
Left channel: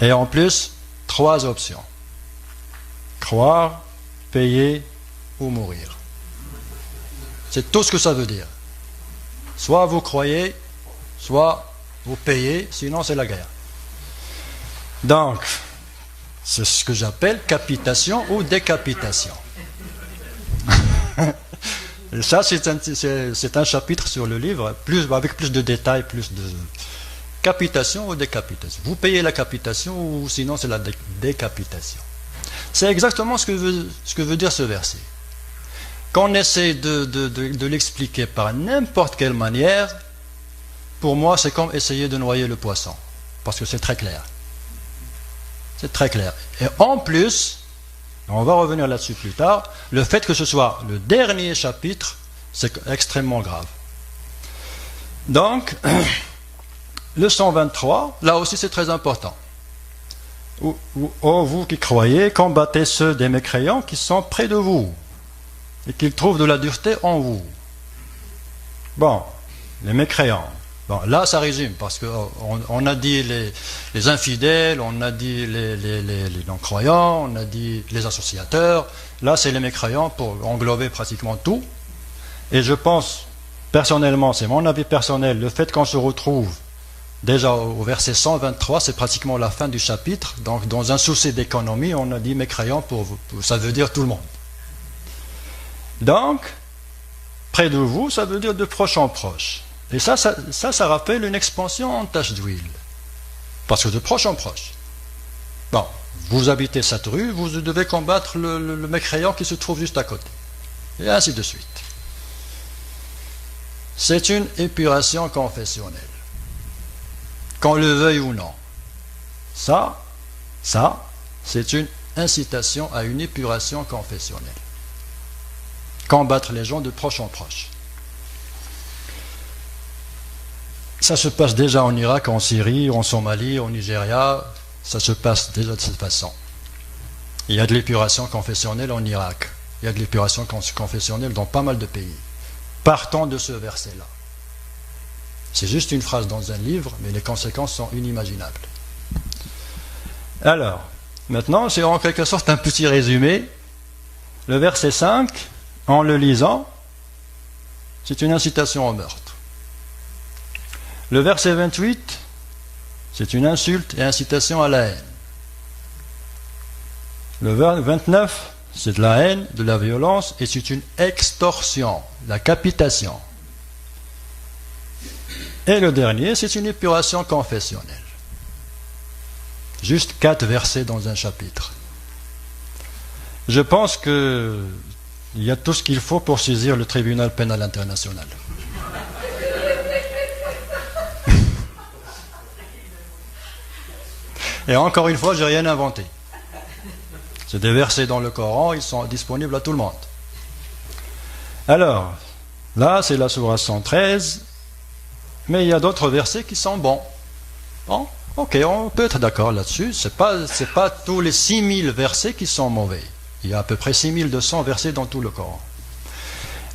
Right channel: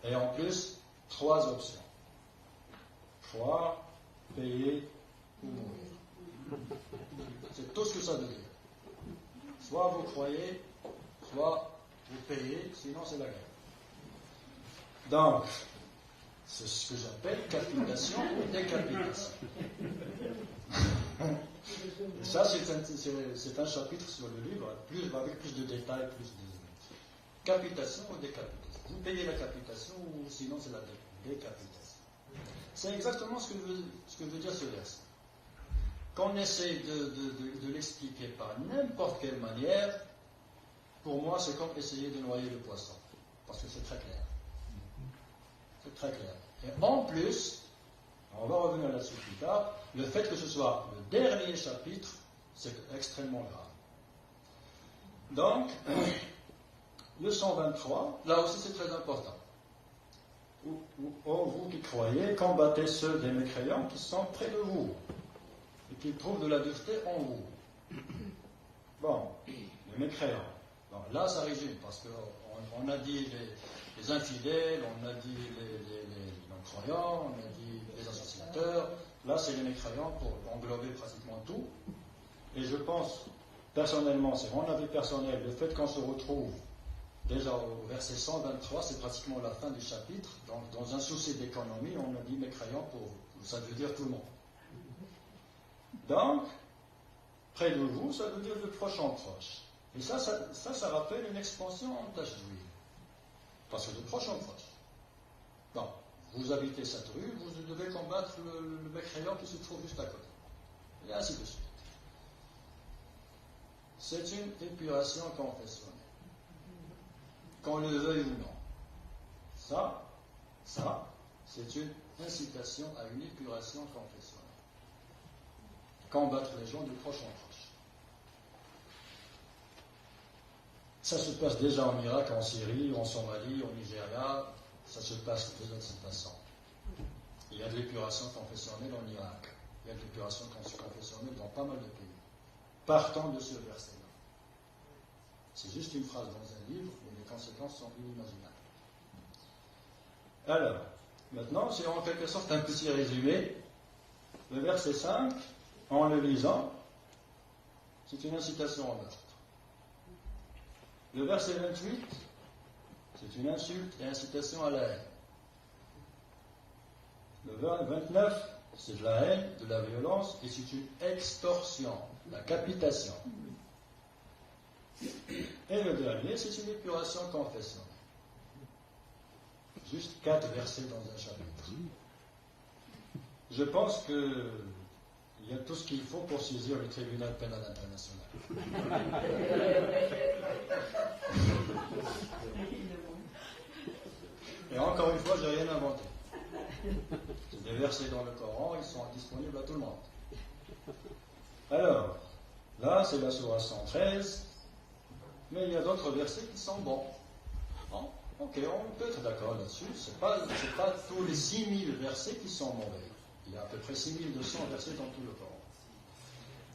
Et en plus, 3 options. Croire, payer ou mourir. C'est tout ce que ça veut dire. Soit vous croyez, soit vous payez, sinon c'est la guerre. Donc, c'est ce que j'appelle capitation ou décapitation. Ça, c'est un chapitre sur le livre, avec plus de détails, plus de capitation ou décapitation. Vous payez la capitation ou sinon c'est la décapitation. C'est exactement ce que veut dire ce verset. Qu'on essaie de l'expliquer par n'importe quelle manière, pour moi, c'est comme essayer de noyer le poisson. Parce que c'est très clair. C'est très clair. Et en plus, on va revenir là-dessus plus tard, le fait que ce soit le dernier chapitre, c'est extrêmement grave. Donc, le 123, là aussi c'est très important. Ô vous qui croyez, combattez ceux des mécréants qui sont près de vous et qu'ils trouvent de la dureté en vous. Bon, les mécréants. Bon, là, ça résume, parce qu'on a dit les infidèles, on a dit les non-croyants, on a dit les associateurs. Là, c'est les mécréants pour englober pratiquement tout. Et je pense, personnellement, c'est mon avis personnel, le fait qu'on se retrouve déjà au verset 123, c'est pratiquement la fin du chapitre. Donc, dans un souci d'économie, on a dit mécréants ça veut dire tout le monde. Donc, près de vous, ça veut dire de proche en proche. Et ça rappelle une expansion en tache d'huile. Parce que de proche en proche. Bon, vous habitez cette rue, vous devez combattre le mécréant qui se trouve juste à côté. Et ainsi de suite. C'est une épuration confessionnelle. Qu'on le veuille ou non. Ça, c'est une incitation à une épuration confessionnelle. Combattre les gens de proche en proche. Ça se passe déjà en Irak, en Syrie, en Somalie, au Nigeria. Ça se passe déjà de cette façon. Il y a de l'épuration confessionnelle en Irak. Il y a de l'épuration confessionnelle dans pas mal de pays. Partons de ce verset-là. C'est juste une phrase dans un livre, mais les conséquences sont inimaginables. Alors, maintenant, c'est en quelque sorte un petit résumé. Le verset 5, en le lisant, c'est une incitation au meurtre. Le verset 28, c'est une insulte et incitation à la haine. Le 29, c'est de la haine, de la violence, et c'est une extorsion, la capitation. Et le dernier, c'est une épuration confessionnelle. Juste 4 versets dans un chapitre. Je pense qu'il y a tout ce qu'il faut pour saisir le tribunal pénal international. Et encore une fois, je n'ai rien inventé. C'est des versets dans le Coran, ils sont disponibles à tout le monde. Alors, là, c'est la sourate 113. Mais il y a d'autres versets qui sont bons. Bon, ok, on peut être d'accord là-dessus. Ce n'est pas tous les 6000 versets qui sont mauvais. Il y a à peu près 6200 versets dans tout le Coran.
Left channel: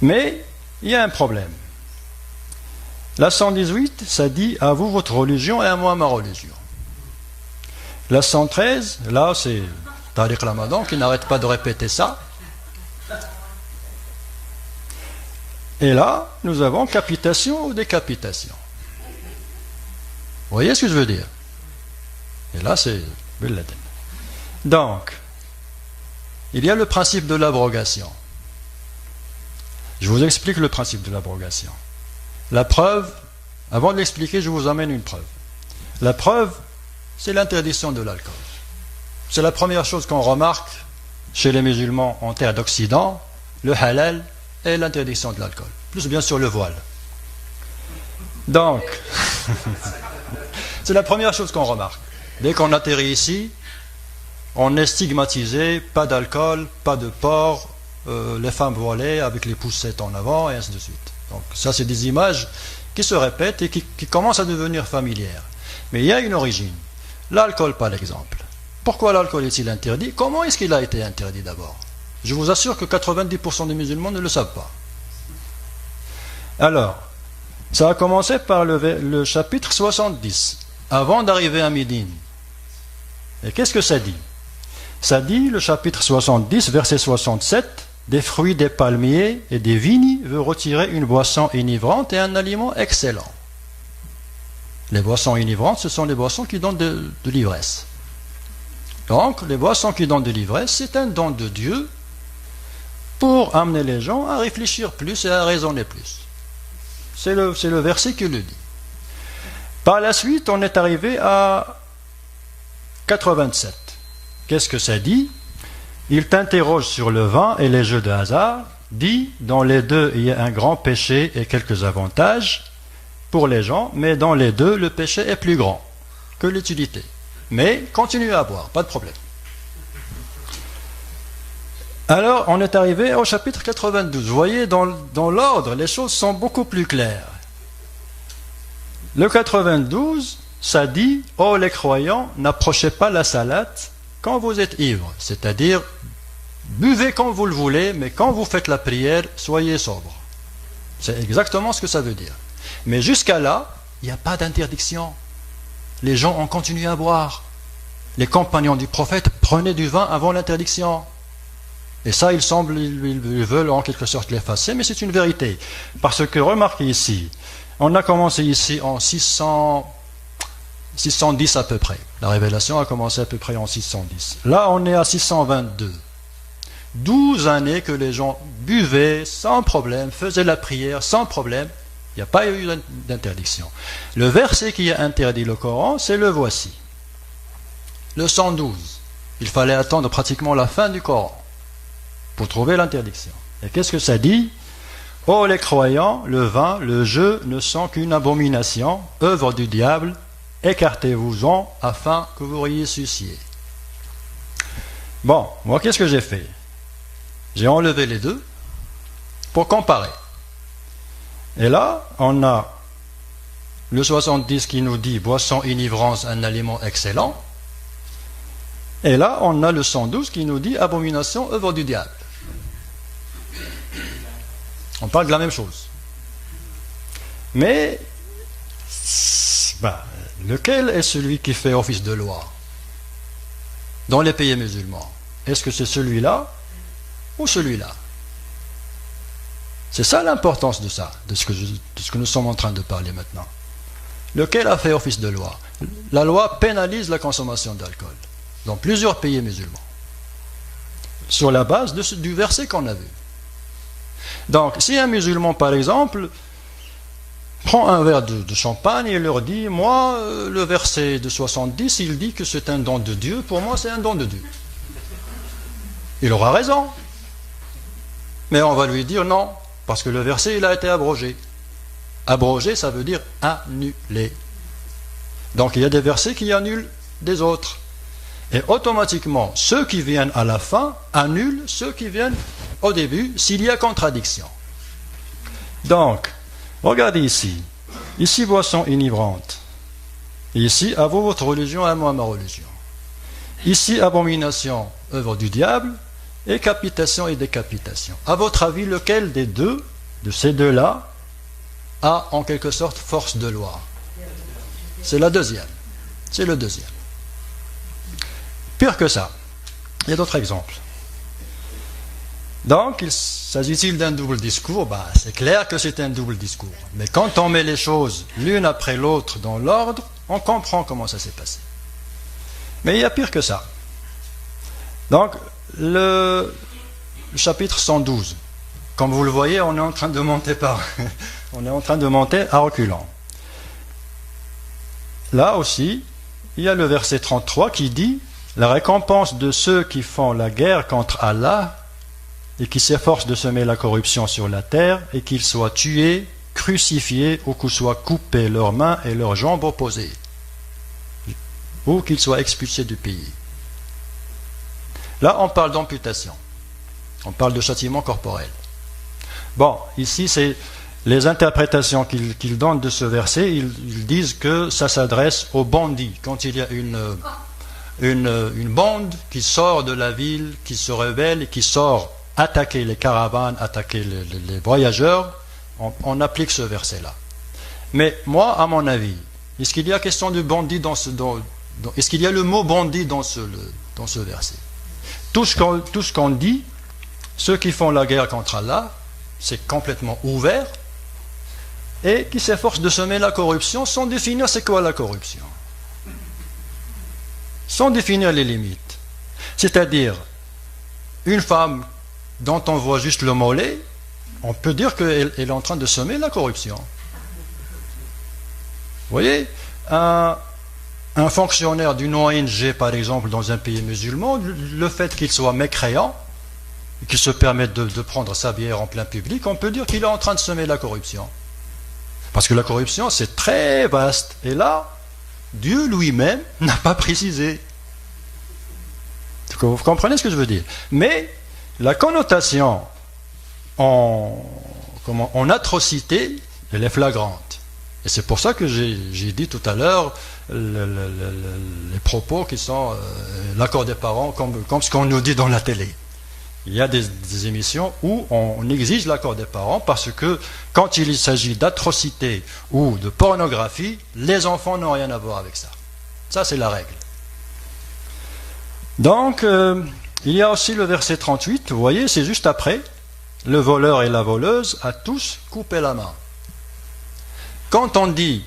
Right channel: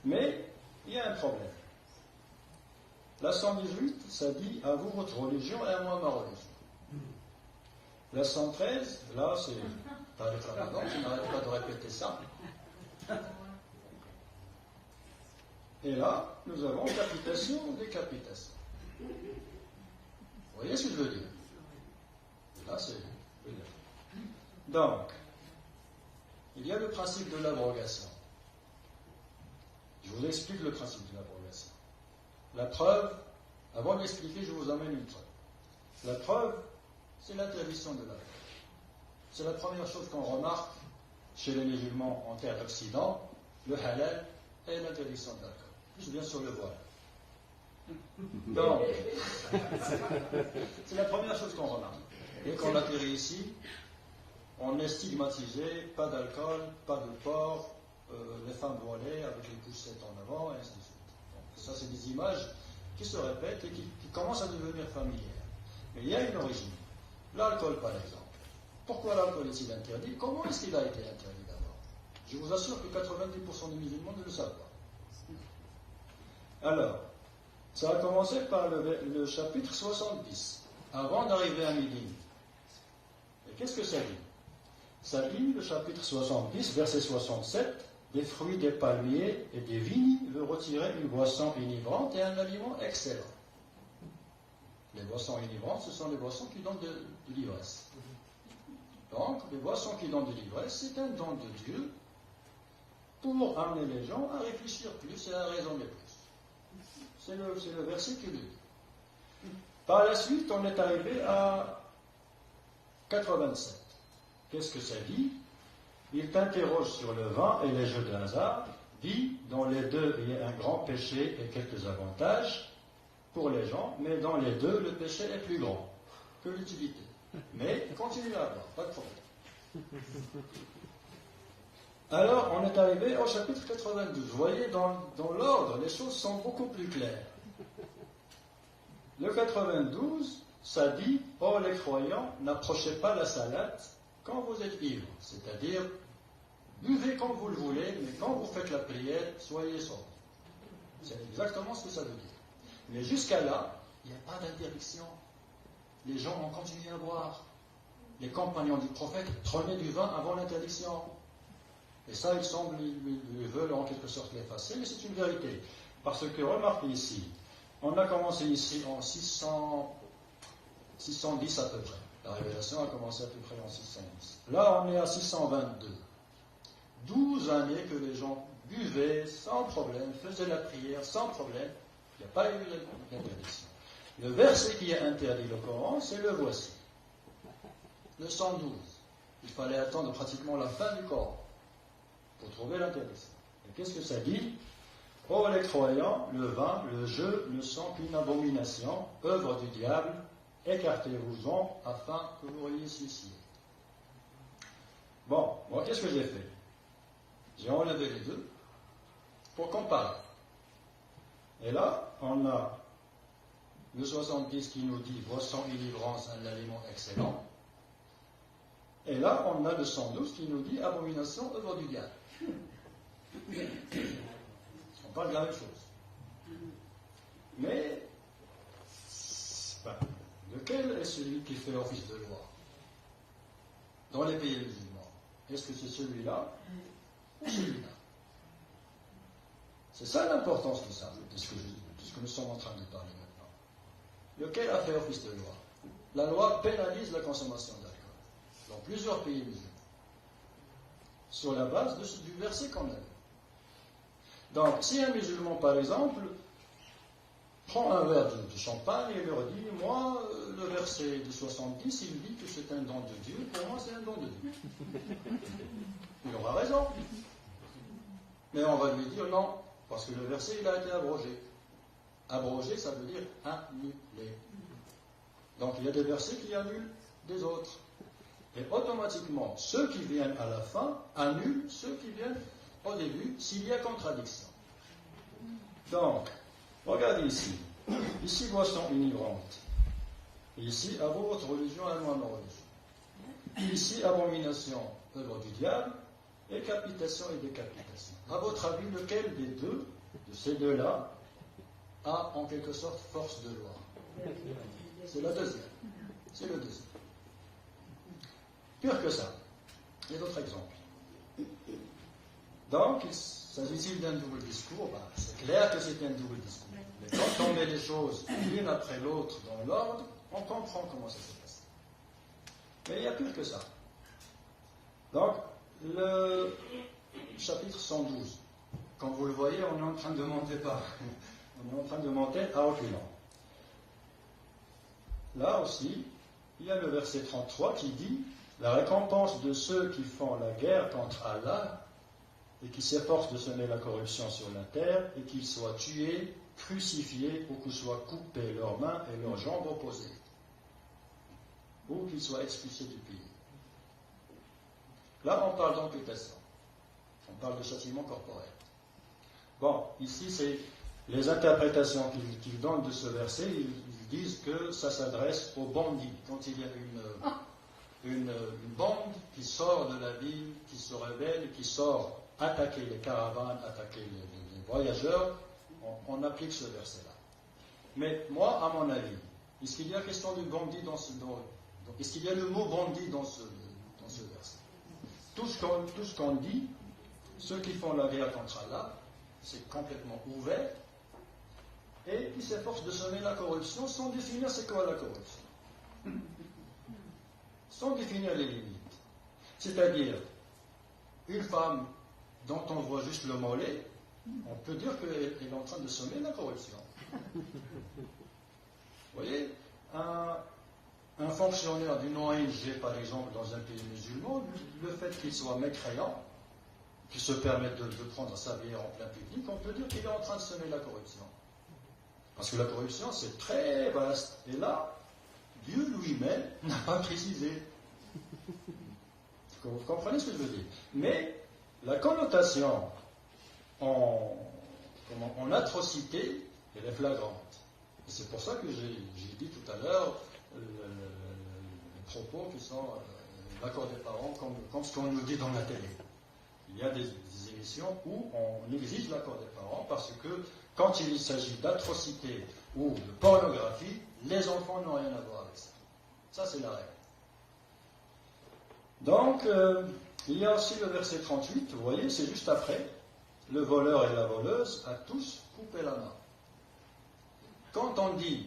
Mais il y a un problème. La 118, ça dit « à vous votre religion et à moi ma religion ». La 113, là c'est Tariq Ramadan qui n'arrête pas de répéter ça. Et là, nous avons capitation ou décapitation. Vous voyez ce que je veux dire? Et là, c'est Bin Laden. Donc, il y a le principe de l'abrogation. Je vous explique le principe de l'abrogation. La preuve, avant de l'expliquer, je vous amène une preuve. La preuve, c'est l'interdiction de l'alcool. C'est la première chose qu'on remarque chez les musulmans en terre d'Occident, le halal et l'interdiction de l'alcool. Plus bien sûr le voile. Donc, c'est la première chose qu'on remarque. Dès qu'on atterrit ici, on est stigmatisé, pas d'alcool, pas de porc, les femmes voilées avec les poussettes en avant, et ainsi de suite. Donc ça, c'est des images qui se répètent et qui commencent à devenir familières. Mais il y a une origine. L'alcool, par exemple. Pourquoi l'alcool est-il interdit? Comment est-ce qu'il a été interdit d'abord? Je vous assure que 90% des musulmans ne le savent pas. Alors, ça a commencé par le chapitre 70, avant d'arriver à Médine. Et qu'est-ce que ça dit? Ça dit, le chapitre 70, verset 67, « Des fruits des palmiers et des vignes veut retirer une boisson enivrante et un aliment excellent. » Les boissons enivrantes, ce sont les boissons qui donnent de l'ivresse. Donc, les boissons qui donnent de l'ivresse, c'est un don de Dieu pour amener les gens à réfléchir plus et à raisonner plus. C'est le verset qui le dit. Par la suite, on est arrivé à 87. Qu'est-ce que ça dit? Il t'interroge sur le vin et les jeux de hasard, dit, dans les deux, il y a un grand péché et quelques avantages pour les gens, mais dans les deux, le péché est plus grand que l'utilité. Mais continuez à boire, pas de problème. Alors, on est arrivé au chapitre 92. Vous voyez, dans l'ordre, les choses sont beaucoup plus claires. Le 92, ça dit, oh les croyants, n'approchez pas la salade quand vous êtes ivre. C'est-à-dire, buvez quand vous le voulez, mais quand vous faites la prière, soyez sobre. C'est exactement ce que ça veut dire. Mais jusqu'à là, il n'y a pas d'interdiction. Les gens ont continué à boire. Les compagnons du prophète prenaient du vin avant l'interdiction. Et ça, ils veulent en quelque sorte l'effacer, mais c'est une vérité. Parce que remarquez ici, on a commencé ici en 610 à peu près. La révélation a commencé à peu près en 610. Là, on est à 622. 12 années que les gens buvaient sans problème, faisaient la prière sans problème. Il n'y a pas eu d'interdiction. Le verset qui a interdit le Coran, c'est le voici. Le 112. Il fallait attendre pratiquement la fin du Coran pour trouver l'interdiction. Et qu'est-ce que ça dit? Oh les croyants, le vin, le jeu ne sont qu'une abomination, œuvre du diable, écartez-vous-en afin que vous réussissiez. Bon, moi qu'est-ce que j'ai fait? J'ai enlevé les deux pour comparer. Et là, on a le 70 qui nous dit boisson enivrance, un aliment excellent. Et là, on a le 112 qui nous dit abomination, œuvre du diable. On parle de la même chose. Mais, lequel est celui qui fait office de loi dans les pays musulmans? Est-ce que c'est celui-là ou celui-là? C'est ça l'importance de ça, de ce que nous sommes en train de parler maintenant. Lequel a fait office de loi? La loi pénalise la consommation d'alcool dans plusieurs pays musulmans, sur la base du verset qu'on a vu. Donc, si un musulman, par exemple, prend un verre de champagne et leur dit, moi, le verset de 70, il dit que c'est un don de Dieu, pour moi c'est un don de Dieu. Il aura raison. Mais on va lui dire non, parce que le verset, il a été abrogé. Abrogé, ça veut dire annulé. Donc il y a des versets qui annulent des autres. Et automatiquement, ceux qui viennent à la fin annulent ceux qui viennent au début, s'il y a contradiction. Donc, regardez ici. Ici, boisson enivrante. Ici, à vous votre religion, à moi ma religion. Ici, abomination, œuvre du diable, et capitation et décapitation. À votre avis, lequel des deux, de ces deux-là, a en quelque sorte force de loi? C'est la deuxième. C'est le deuxième. Pire que ça, il y a d'autres exemples. Donc, s'agit-il d'un double discours? C'est clair que c'est un double discours. Mais quand on met les choses l'une après l'autre dans l'ordre, on comprend comment ça s'est passé. Mais il y a pire que ça. Donc, le chapitre 112, comme vous le voyez, on est en train de monter on est en train de monter à reculons. Là aussi, il y a le verset 33 qui dit « La récompense de ceux qui font la guerre contre Allah et qui s'efforcent de semer la corruption sur la terre et qu'ils soient tués, crucifiés ou qu'ils soient coupés leurs mains et leurs jambes opposées ou qu'ils soient expulsés du pays. » Là, on parle d'amputation. On parle de châtiment corporel. Bon, ici, c'est les interprétations qu'ils donnent de ce verset. Ils disent que ça s'adresse aux bandits. Quand il y a une bande qui sort de la ville, qui se rebelle et qui sort attaquer les caravanes, attaquer les voyageurs, on applique ce verset-là. Mais moi, à mon avis, est-ce qu'il y a question de bandit est-ce qu'il y a le mot bandit dans ce verset? Tout ce qu'on dit, ceux qui font la guerre contre Allah, c'est complètement ouvert et qui s'efforcent de semer la corruption sans définir c'est quoi la corruption. Sans définir les limites. C'est-à-dire, une femme dont on voit juste le mollet, on peut dire qu'elle est en train de semer la corruption. Vous voyez, un fonctionnaire d'une ONG, par exemple, dans un pays musulman, le fait qu'il soit mécréant, qu'il se permette de prendre sa bière en plein public, on peut dire qu'il est en train de semer la corruption. Parce que la corruption, c'est très vaste. Et là, Dieu lui-même n'a pas précisé. Vous comprenez ce que je veux dire? Mais la connotation en atrocité, elle est flagrante. Et c'est pour ça que j'ai dit tout à l'heure les propos qui sont l'accord des parents, comme ce qu'on nous dit dans la télé. Il y a des émissions où on exige l'accord des parents parce que quand il s'agit d'atrocités ou de pornographie, les enfants n'ont rien à voir avec ça. Ça, c'est la règle. Donc, il y a aussi le verset 38, vous voyez, c'est juste après. Le voleur et la voleuse a tous coupé la main. Quand on dit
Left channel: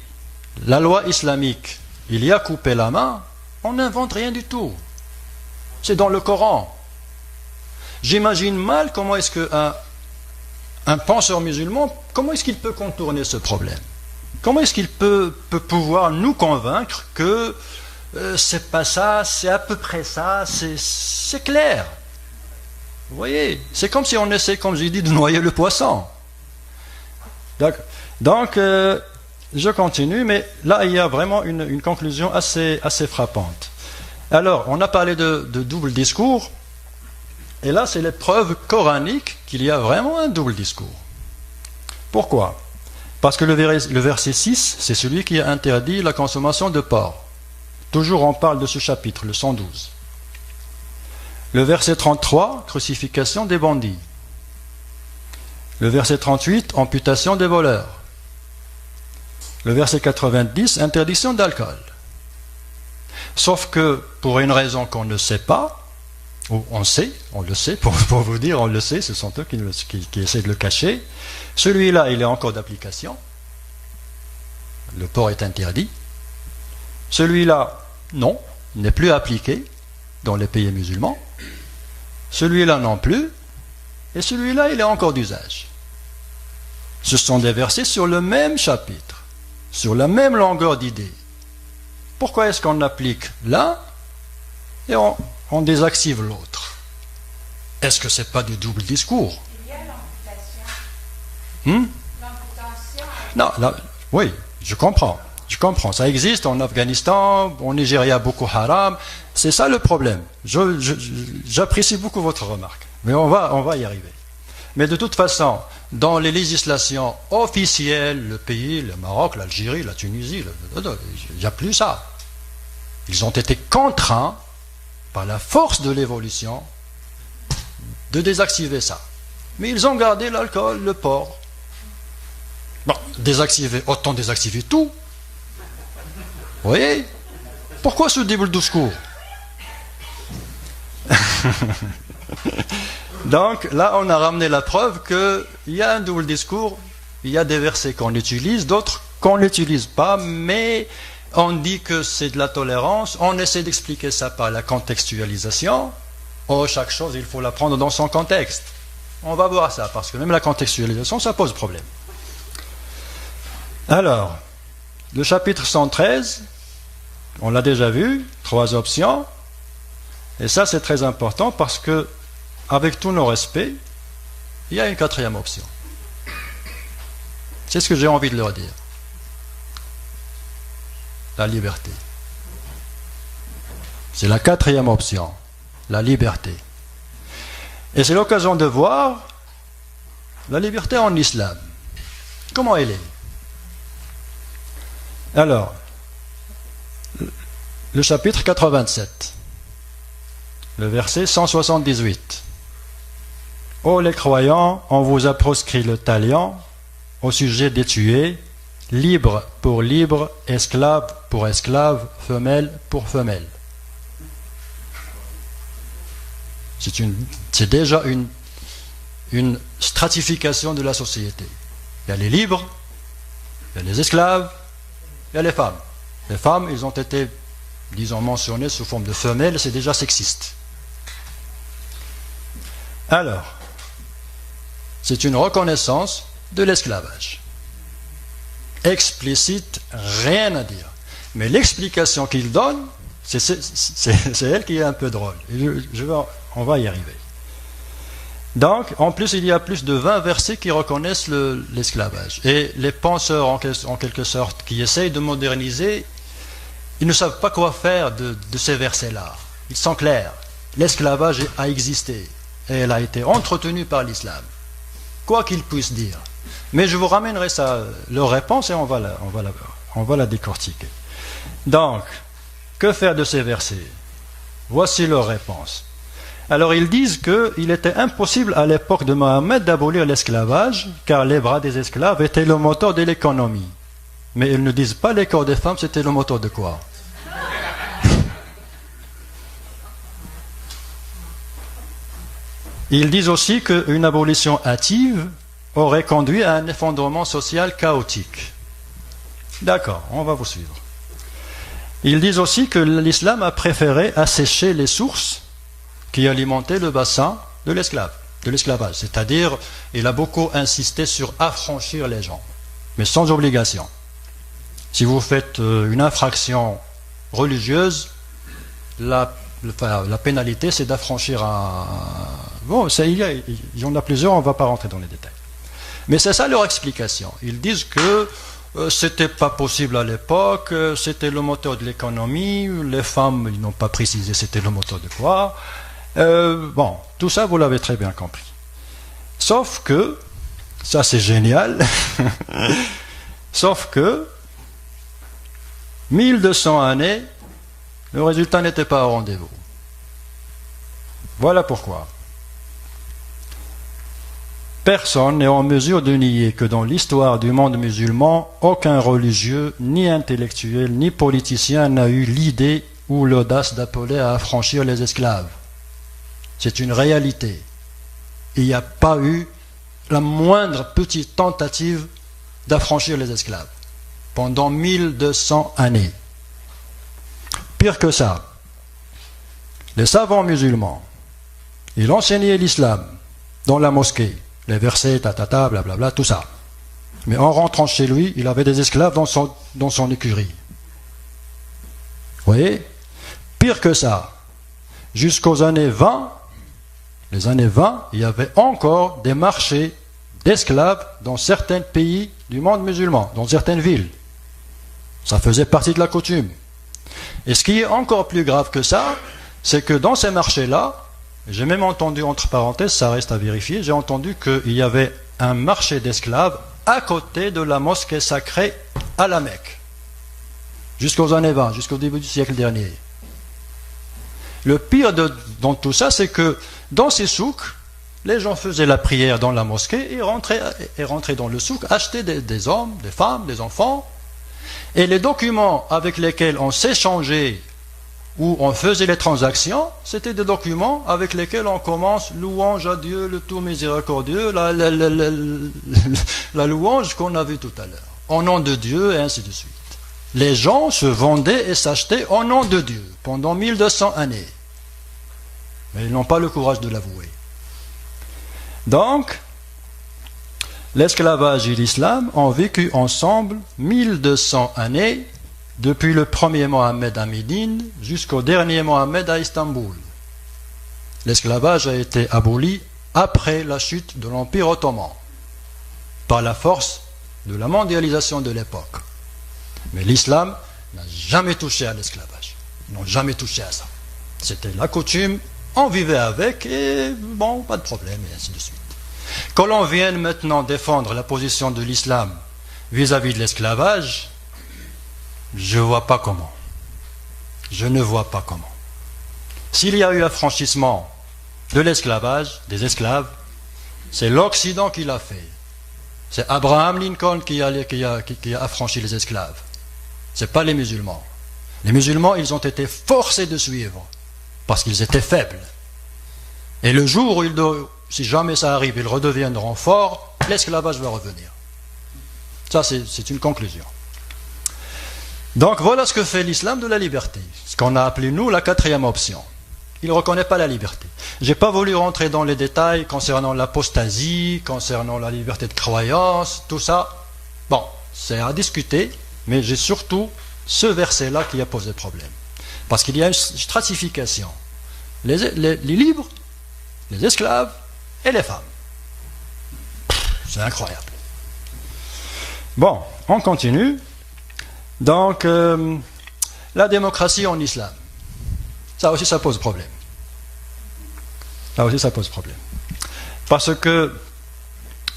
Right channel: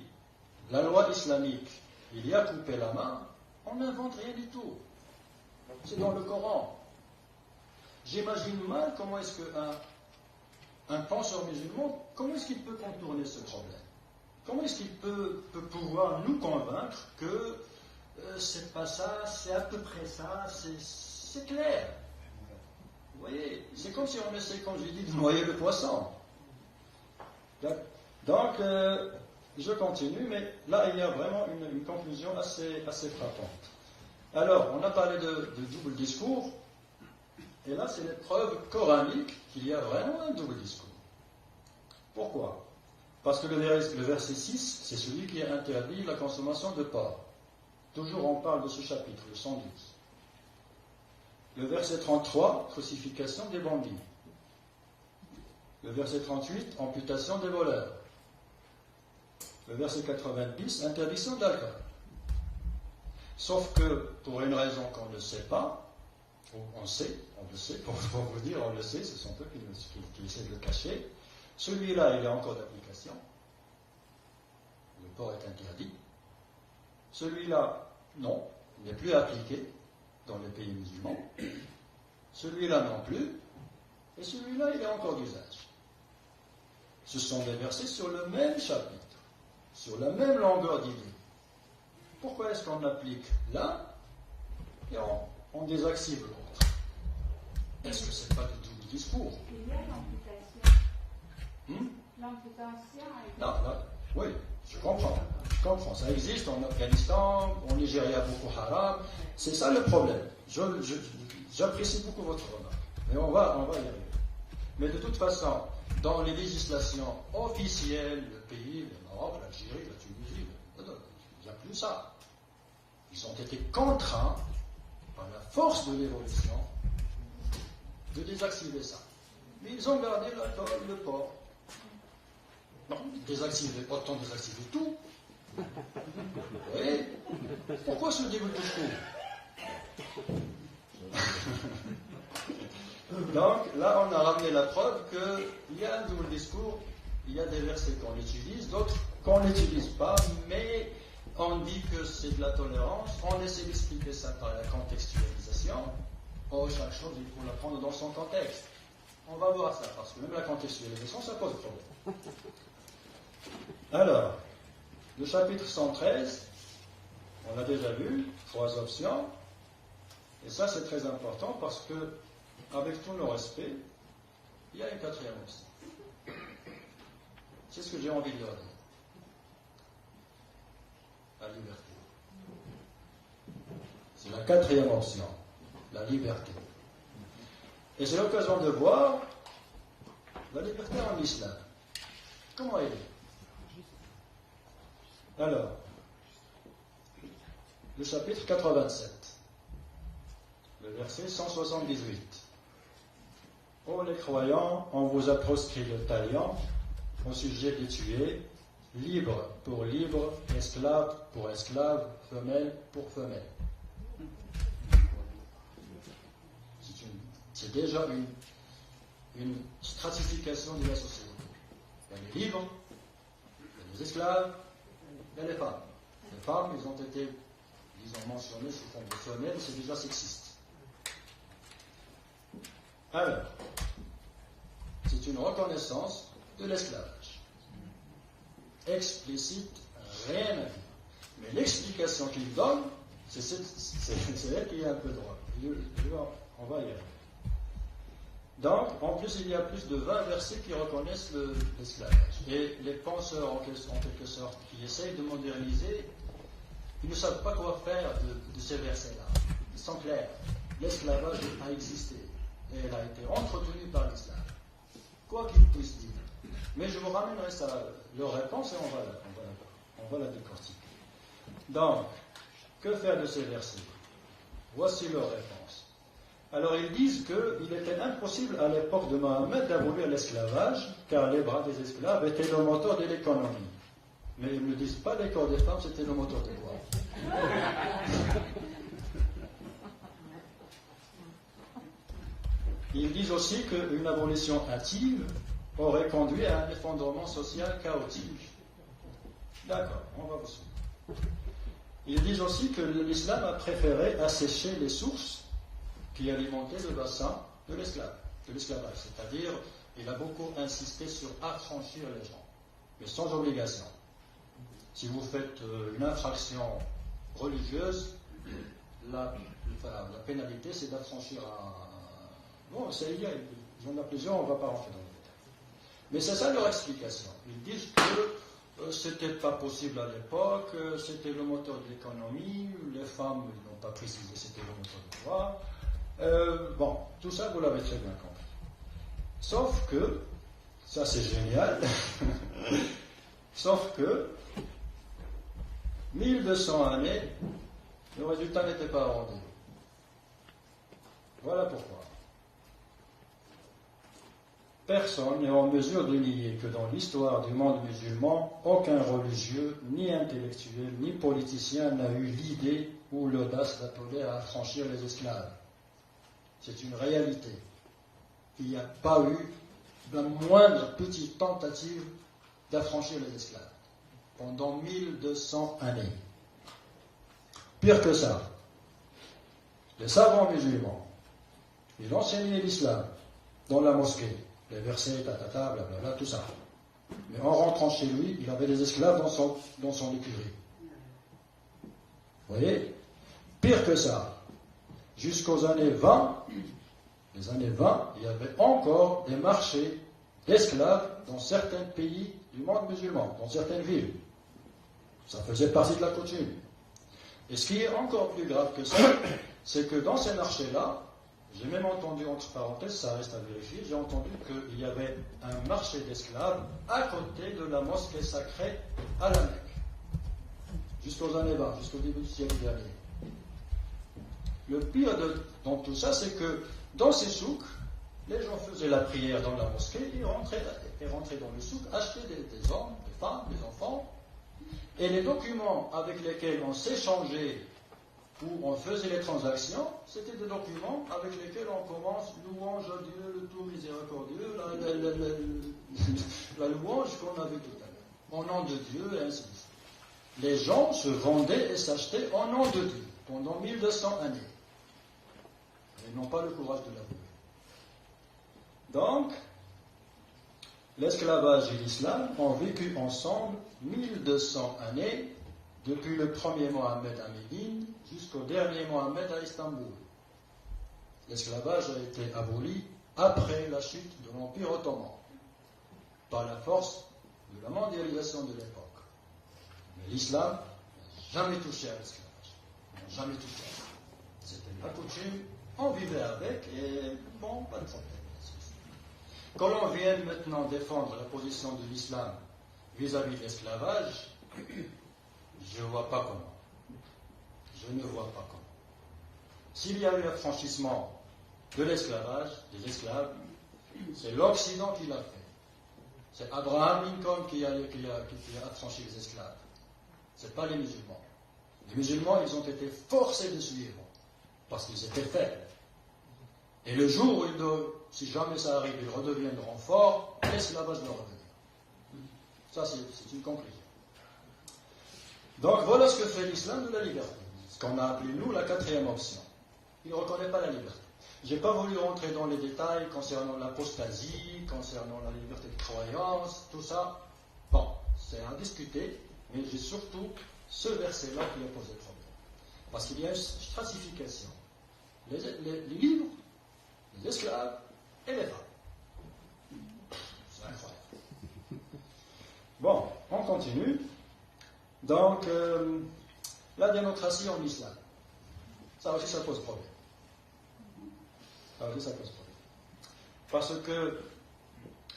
la loi islamique, il y a coupé la main, on n'invente rien du tout. C'est dans le Coran. J'imagine mal comment est-ce qu'un penseur musulman, comment est-ce qu'il peut contourner ce problème? Comment est-ce qu'il peut pouvoir nous convaincre que c'est pas ça, c'est à peu près ça, c'est clair? Vous voyez, c'est comme si on essaie, comme j'ai dit, de noyer le poisson. Donc, je continue, mais là, il y a vraiment une conclusion assez frappante. Alors, on a parlé de double discours. Et là, c'est les preuves coraniques qu'il y a vraiment un double discours. Pourquoi? Parce que le verset 6, c'est celui qui a interdit la consommation de porc. Toujours on parle de ce chapitre, le 112. Le verset 33, crucifixion des bandits. Le verset 38, amputation des voleurs. Le verset 90, interdiction d'alcool. Sauf que, pour une raison qu'on ne sait pas, on le sait, pour vous dire, on le sait, ce sont eux qui essaient de le cacher. Celui-là, il est encore d'application. Le porc est interdit. Celui-là, non, il n'est plus appliqué dans les pays musulmans. Celui-là non plus. Et celui-là, il est encore d'usage. Ce sont des versets sur le même chapitre, sur la même longueur d'idée. Pourquoi est-ce qu'on applique l'un et on désactive l'autre? Est-ce que c'est pas du double discours? Il y a l'amputation. Non, là, oui, je comprends. Ça existe en Afghanistan, en Nigeria, beaucoup haram. C'est ça le problème. J'apprécie beaucoup votre remarque, mais on va y arriver. Mais de toute façon, dans les législations officielles, le pays, le Maroc, l'Algérie, la Tunisie, il n'y a plus ça. Ils ont été contraints par la force de l'évolution, de désactiver ça. Mais ils ont gardé l'alcool, le porc. Bon, autant désactiver tout. Vous voyez? Pourquoi ce double discours? Donc, là, on a ramené la preuve qu'il y a un double discours, il y a des versets qu'on utilise, d'autres qu'on n'utilise pas, mais on dit que c'est de la tolérance, on essaie d'expliquer ça par la contextualisation. Oh, chaque chose, il faut la prendre dans son contexte. On va voir ça, parce que même la contextualisation, ça pose problème. Alors, le chapitre 113, on l'a déjà vu, 3 options. Et ça, c'est très important parce que, avec tous nos respects, il y a une 4e option. C'est ce que j'ai envie de leur dire. La liberté. C'est la 4e option, la liberté. Et c'est l'occasion de voir la liberté en islam. Comment elle est? Alors, le chapitre 87, le verset 178. Ô les croyants, on vous a proscrit le talion au sujet des tués, libre pour libre, esclave pour esclave, femelle pour femelle. C'est déjà une stratification de la société. Il y a les libres, il y a les esclaves, il y a les femmes. Les femmes, ils ont été, disons, mentionnées sous forme de femelles, c'est déjà sexiste. Alors, c'est une reconnaissance de l'esclavage. Explicite, rien à dire. Mais l'explication qu'il donne, c'est elle qui est un peu drôle. On va y arriver. Donc, en plus, il y a plus de 20 versets qui reconnaissent l'esclavage. Et les penseurs, en quelque sorte, qui essayent de moderniser, ils ne savent pas quoi faire de ces versets-là. Ils sont clairs. L'esclavage a existé et elle a été entretenue par l'islam. Quoi qu'ils puissent dire. Mais je vous ramènerai leur réponse et on va la décortiquer. Donc, que faire de ces versets? Voici leur réponse. Alors ils disent qu'il était impossible à l'époque de Mohammed d'abolir l'esclavage, car les bras des esclaves étaient le moteur de l'économie. Mais ils ne disent pas les corps des femmes, c'était le moteur de quoi? Ils disent aussi qu'une abolition hâtive aurait conduit à un effondrement social chaotique. D'accord, on va vous suivre. Ils disent aussi que l'islam a préféré assécher les sources qui alimentaient le bassin de l'esclavage. C'est-à-dire, il a beaucoup insisté sur affranchir les gens, mais sans obligation. Si vous faites une infraction religieuse, la pénalité, c'est d'affranchir un... Bon, il y en a plusieurs, on ne va pas rentrer dans les détails. Mais c'est ça leur explication. Ils disent que c'était pas possible à l'époque, c'était le moteur de l'économie, les femmes, ils n'ont pas précisé c'était le moteur de quoi. Bon, tout ça, vous l'avez très bien compris. Sauf que, ça c'est génial, sauf que, 1200 années, le résultat n'était pas au rendez-vous. Voilà pourquoi. Personne n'est en mesure de nier que dans l'histoire du monde musulman, aucun religieux, ni intellectuel, ni politicien n'a eu l'idée ou l'audace d'appeler à affranchir les esclaves. C'est une réalité. Il n'y a pas eu la moindre petite tentative d'affranchir les esclaves pendant 1200 années. Pire que ça, les savants musulmans, ils enseignaient l'islam dans la mosquée, les versets, blablabla, tout ça. Mais en rentrant chez lui, il avait des esclaves dans son écurie. Vous voyez? Pire que ça, jusqu'aux années 20, les années 20, il y avait encore des marchés d'esclaves dans certains pays du monde musulman, dans certaines villes. Ça faisait partie de la coutume. Et ce qui est encore plus grave que ça, c'est que dans ces marchés-là, j'ai même entendu, entre parenthèses, ça reste à vérifier, j'ai entendu qu'il y avait un marché d'esclaves à côté de la mosquée sacrée à la Mecque. Jusqu'aux années 20, jusqu'au début du siècle dernier. Le pire dans tout ça, c'est que dans ces souks, les gens faisaient la prière dans la mosquée et rentraient dans le souk, achetaient des hommes, des femmes, des enfants. Et les documents avec lesquels on s'échangeait où on faisait les transactions, c'était des documents avec lesquels on commence louange à Dieu, le tout miséricordieux, la louange qu'on a vue tout à l'heure, au nom de Dieu et ainsi de suite. Les gens se vendaient et s'achetaient au nom de Dieu pendant 1200 années. Mais ils n'ont pas le courage de l'avouer. Donc, l'esclavage et l'islam ont vécu ensemble 1200 années, depuis le premier Mohammed à Médine jusqu'au dernier Mohammed à Istanbul. L'esclavage a été aboli après la chute de l'Empire ottoman, par la force de la mondialisation de l'époque. Mais l'islam n'a jamais touché à l'esclavage. Ils n'ont jamais touché à ça. C'était la coutume, on vivait avec et bon, pas de problème, et ainsi de suite. Que l'on vienne maintenant défendre la position de l'islam vis-à-vis de l'esclavage, je ne vois pas comment. Je ne vois pas comment. S'il y a eu affranchissement de l'esclavage, des esclaves, c'est l'Occident qui l'a fait. C'est Abraham Lincoln qui a affranchi les esclaves. Ce n'est pas les musulmans. Les musulmans, ils ont été forcés de suivre parce qu'ils étaient faibles. Et le jour où, si jamais ça arrive, ils redeviendront forts, l'esclavage va revenir. Ça, c'est une conclusion. Donc voilà ce que fait l'islam de la liberté, ce qu'on a appelé nous la quatrième option. Il ne reconnaît pas la liberté. Je n'ai pas voulu rentrer dans les détails concernant l'apostasie, concernant la liberté de croyance, tout ça. Bon, c'est à discuter, mais j'ai surtout ce verset-là qui a posé problème. Parce qu'il y a une stratification. Les libres, les esclaves et les femmes. C'est incroyable. Bon, on continue. Donc, la démocratie en islam, ça aussi, ça pose problème. Ça aussi, ça pose problème. Parce que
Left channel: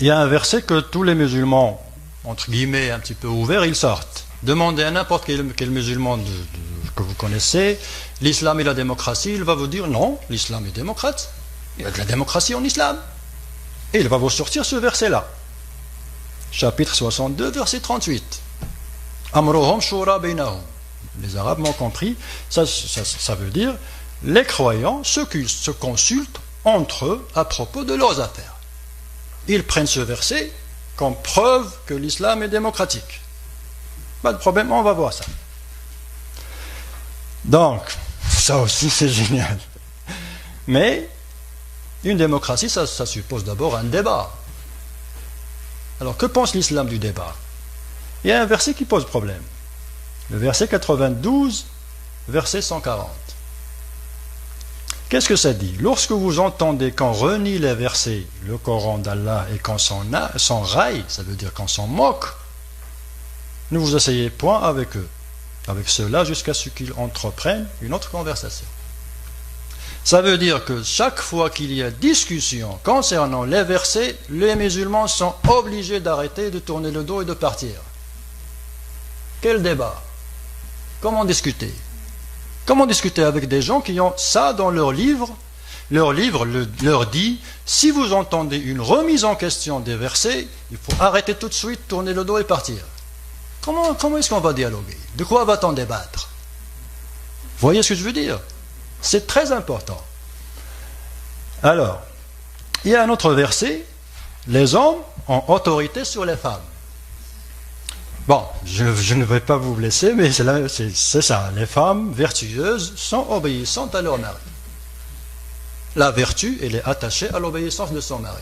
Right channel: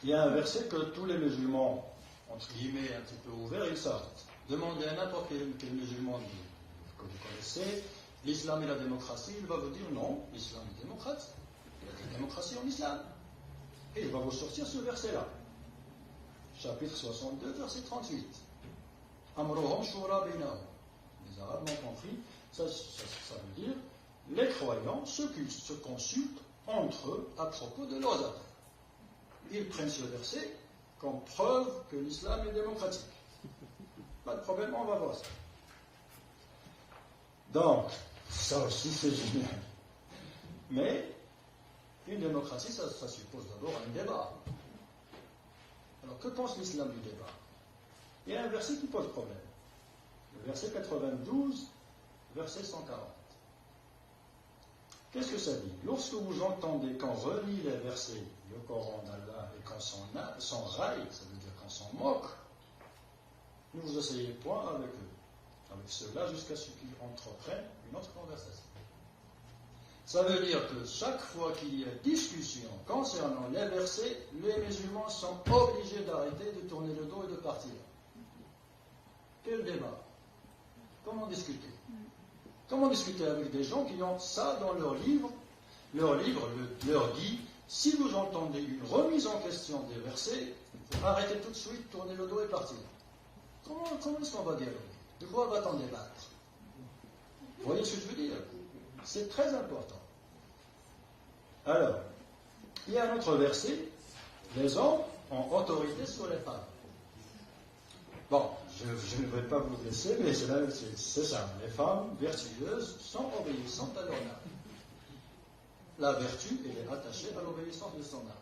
il y a un verset que tous les musulmans, entre guillemets, un petit peu ouverts, ils sortent. Demandez à n'importe quel musulman que vous connaissez, l'islam et la démocratie, il va vous dire non, l'islam est démocrate, il y a de la démocratie en islam. Et il va vous sortir ce verset-là. Chapitre 62, verset 38. Amruhum shura bainahum. Les Arabes m'ont compris, ça veut dire les croyants se consultent entre eux à propos de leurs affaires. Ils prennent ce verset comme preuve que l'islam est démocratique. Pas de problème, on va voir ça. Donc, ça aussi c'est génial. Mais, une démocratie, ça suppose d'abord un débat. Alors, que pense l'islam du débat? Il y a un verset qui pose problème. Le verset 92, verset 140. Qu'est-ce que ça dit? Lorsque vous entendez qu'on renie les versets, le Coran d'Allah, et qu'on s'en raille, ça veut dire qu'on s'en moque, ne vous asseyez point avec eux, avec ceux-là, jusqu'à ce qu'ils entreprennent une autre conversation. Ça veut dire que chaque fois qu'il y a discussion concernant les versets, les musulmans sont obligés d'arrêter, de tourner le dos et de partir. Quel débat? Comment discuter? Comment discuter avec des gens qui ont ça dans leur livre? Leur livre leur dit, si vous entendez une remise en question des versets, il faut arrêter tout de suite, tourner le dos et partir. Comment est-ce qu'on va dialoguer? De quoi va-t-on débattre? Vous voyez ce que je veux dire? C'est très important. Alors, il y a un autre verset, les hommes ont autorité sur les femmes. Bon, je ne vais pas vous blesser, mais c'est ça. Les femmes vertueuses sont obéissantes à leur mari. La vertu, elle est attachée à l'obéissance de son mari.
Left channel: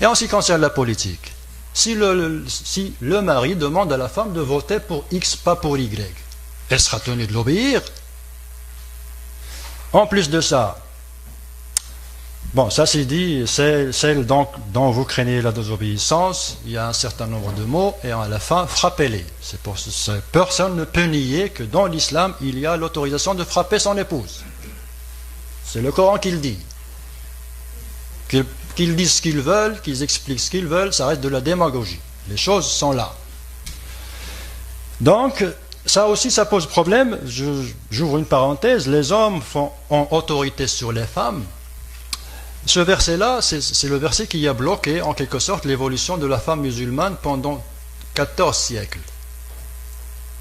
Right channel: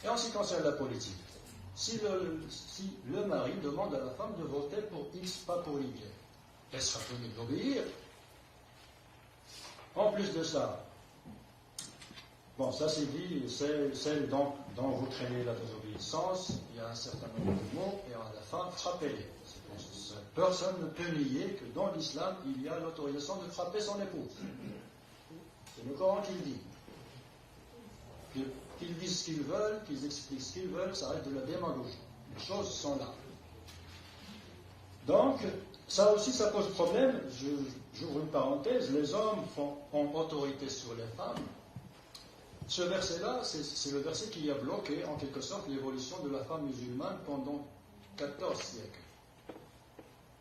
Et en ce qui concerne la politique, si le mari demande à la femme de voter pour X, pas pour Y, elle sera tenue de l'obéir. En plus de ça, bon, ça c'est dit, celle donc dont vous craignez la désobéissance, il y a un certain nombre de mots, et à la fin, frappez-les. Personne ne peut nier que dans l'islam, il y a l'autorisation de frapper son épouse. C'est le Coran qui le dit. Qu'ils disent ce qu'ils veulent, qu'ils expliquent ce qu'ils veulent, ça reste de la démagogie. Les choses sont là. Donc, ça aussi, ça pose problème. J'ouvre une parenthèse. Les hommes ont autorité sur les femmes. Ce verset-là, c'est le verset qui a bloqué, en quelque sorte, l'évolution de la femme musulmane pendant 14 siècles.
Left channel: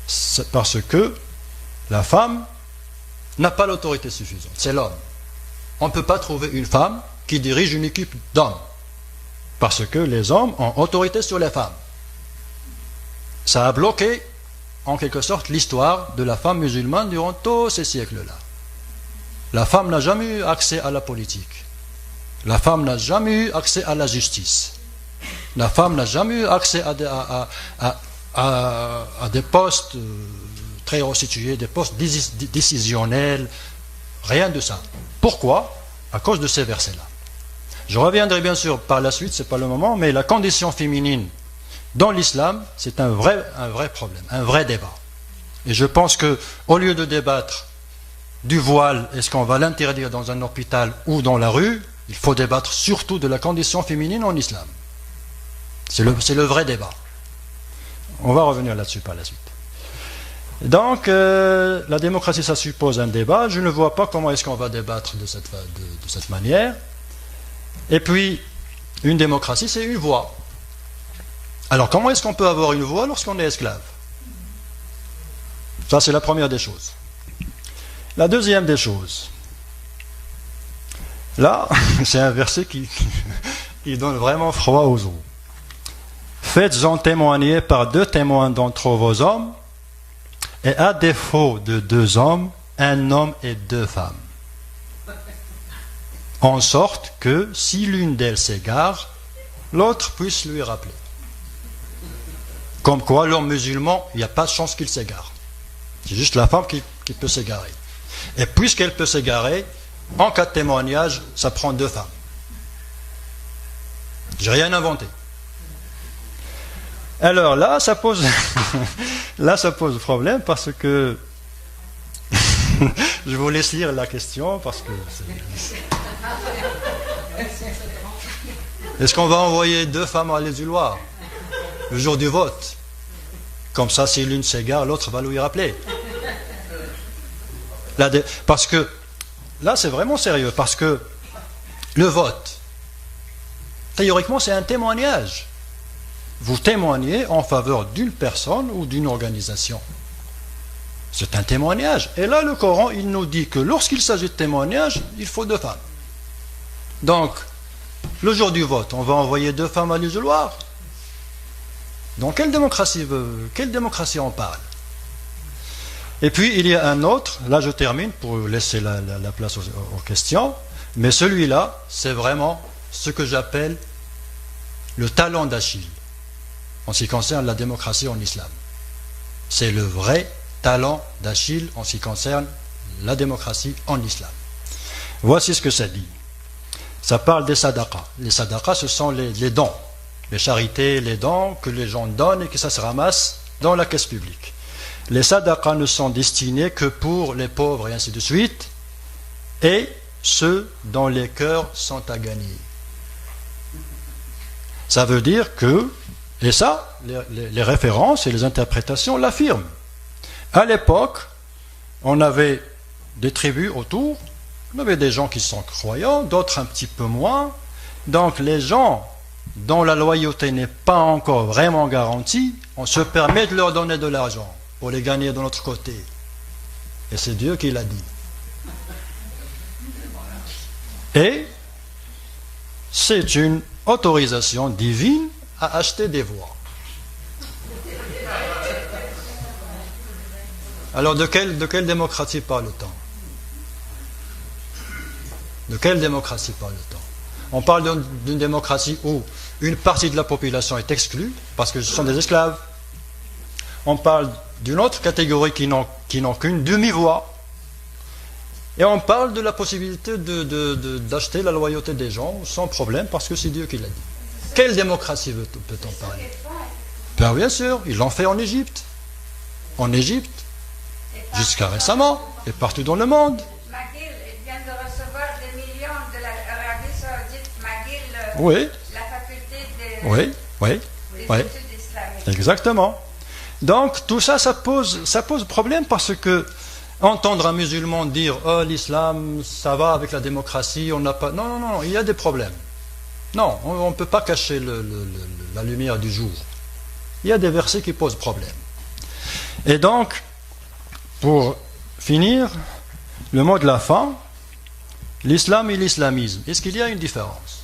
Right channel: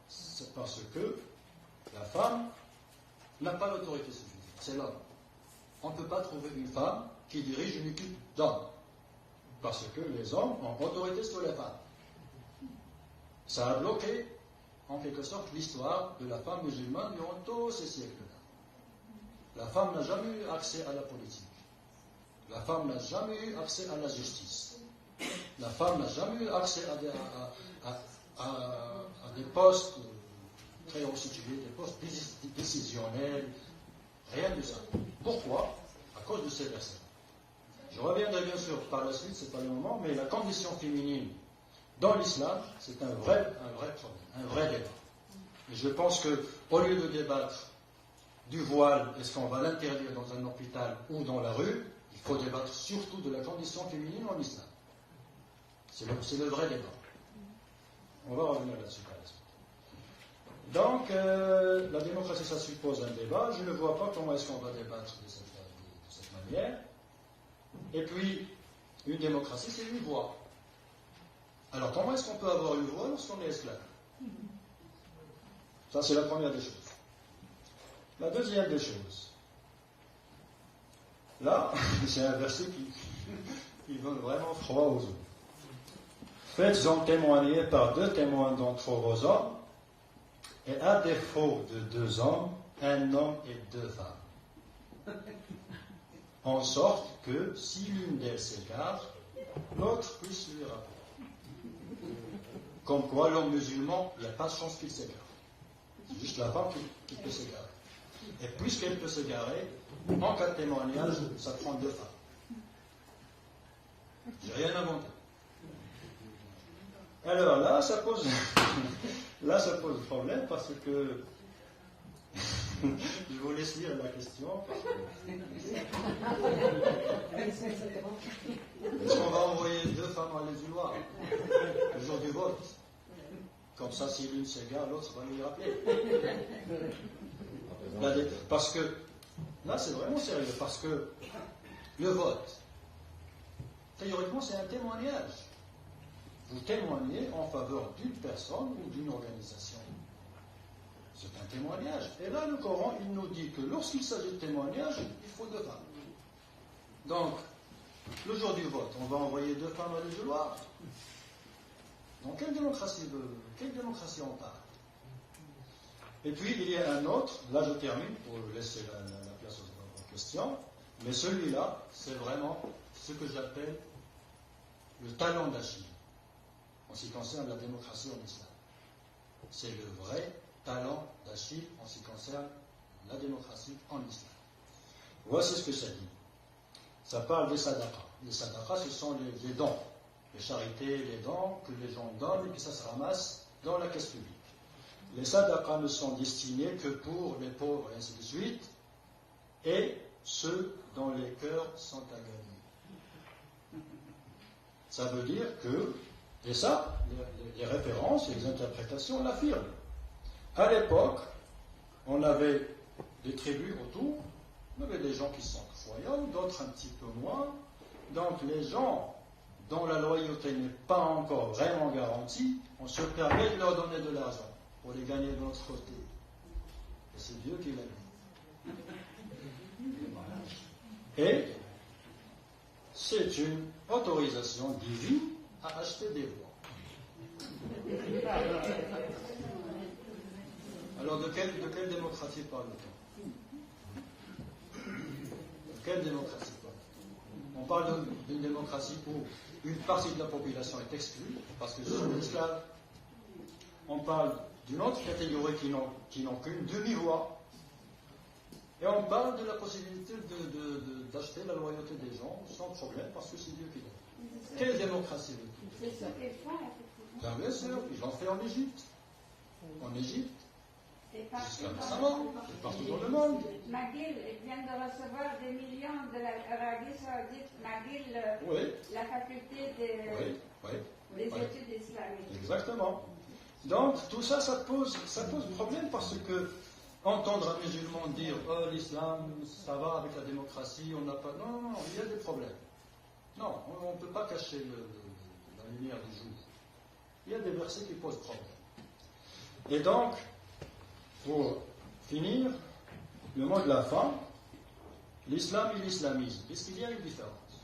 C'est parce que la femme n'a pas l'autorité suffisante. C'est l'homme. On ne peut pas trouver une femme qui dirige une équipe d'hommes. Parce que les hommes ont autorité sur les femmes. Ça a bloqué, en quelque sorte, l'histoire de la femme musulmane durant tous ces siècles-là. La femme n'a jamais eu accès à la politique. La femme n'a jamais eu accès à la justice. La femme n'a jamais eu accès à des postes très haut situés, des postes décisionnels, rien de ça. Pourquoi? À cause de ces versets-là. Je reviendrai bien sûr par la suite, ce n'est pas le moment, mais la condition féminine dans l'islam, c'est un vrai problème, un vrai débat. Et je pense qu'au lieu de débattre du voile, est-ce qu'on va l'interdire dans un hôpital ou dans la rue, il faut débattre surtout de la condition féminine en islam. C'est le vrai débat. On va revenir là-dessus par la suite. Donc, la démocratie, ça suppose un débat. Je ne vois pas comment est-ce qu'on va débattre de cette manière. Et puis, une démocratie, c'est une voix. Alors, comment est-ce qu'on peut avoir une voix lorsqu'on est esclave? Ça, c'est la première des choses. La deuxième des choses, là, c'est un verset qui donne vraiment froid aux os. Faites-en témoigner par 2 témoins d'entre vos hommes, et à défaut de 2 hommes, un homme et 2 femmes. En sorte que, si l'une d'elles s'égare, l'autre puisse lui rappeler. Comme quoi, l'homme musulman, il n'y a pas de chance qu'il s'égare. C'est juste la femme qui peut s'égarer. Et puisqu'elle peut s'égarer, en cas de témoignage, ça prend 2 femmes. J'ai rien inventé. Alors là, ça pose problème parce que je vous laisse lire la question parce que Est-ce qu'on va envoyer 2 femmes à l'isoloir le jour du vote? Comme ça, si l'une s'égare, l'autre va lui rappeler. Parce que, là, c'est vraiment sérieux, parce que le vote, théoriquement, c'est un témoignage. Vous témoignez en faveur d'une personne ou d'une organisation. C'est un témoignage. Et là, le Coran, il nous dit que lorsqu'il s'agit de témoignage, il faut 2 femmes. Donc, le jour du vote, on va envoyer 2 femmes à l'isoloir. Dans quelle démocratie on parle? Et puis, il y a un autre, là je termine pour laisser la place aux questions, mais celui-là, c'est vraiment ce que j'appelle le talon d'Achille, en ce qui concerne la démocratie en islam. C'est le vrai talon d'Achille en ce qui concerne la démocratie en islam. Voici ce que ça dit. Ça parle des sadaqas. Les sadaqas, ce sont les dons, les charités, les dons que les gens donnent et que ça se ramasse dans la caisse publique. Les sadaqas ne sont destinés que pour les pauvres et ainsi de suite, et ceux dont les cœurs sont à gagner. Ça veut dire que, et ça, les références et les interprétations l'affirment. À l'époque, on avait des tribus autour, on avait des gens qui sont croyants, d'autres un petit peu moins. Donc les gens dont la loyauté n'est pas encore vraiment garantie, on se permet de leur donner de l'argent pour les gagner de notre côté. Et c'est Dieu qui l'a dit. Et c'est une autorisation divine à acheter des voix. Alors de quelle démocratie parle-t-on? De quelle démocratie parle-t-on? On parle d'une démocratie où une partie de la population est exclue parce que ce sont des esclaves. On parle d'une autre catégorie qui n'ont qu'une demi-voix. Et on parle de la possibilité d'acheter la loyauté des gens sans problème parce que c'est Dieu qui l'a dit. Quelle démocratie peut-on parler? Ben, bien sûr, ils l'ont fait en Égypte. En Égypte, jusqu'à récemment, et partout dans le monde. McGill vient de recevoir des millions de l'Arabie Saoudite. McGill, Oui, la faculté des oui, oui, oui, études islamiques. exactement. Donc tout ça, ça pose problème parce que entendre un musulman dire oh l'islam ça va avec la démocratie, on n'a pas. Non, non, non, il y a des problèmes. Non, on ne peut pas cacher la lumière du jour. Il y a des versets qui posent problème. Et donc, pour finir, le mot de la fin, l'islam et l'islamisme, est-ce qu'il y a une différence?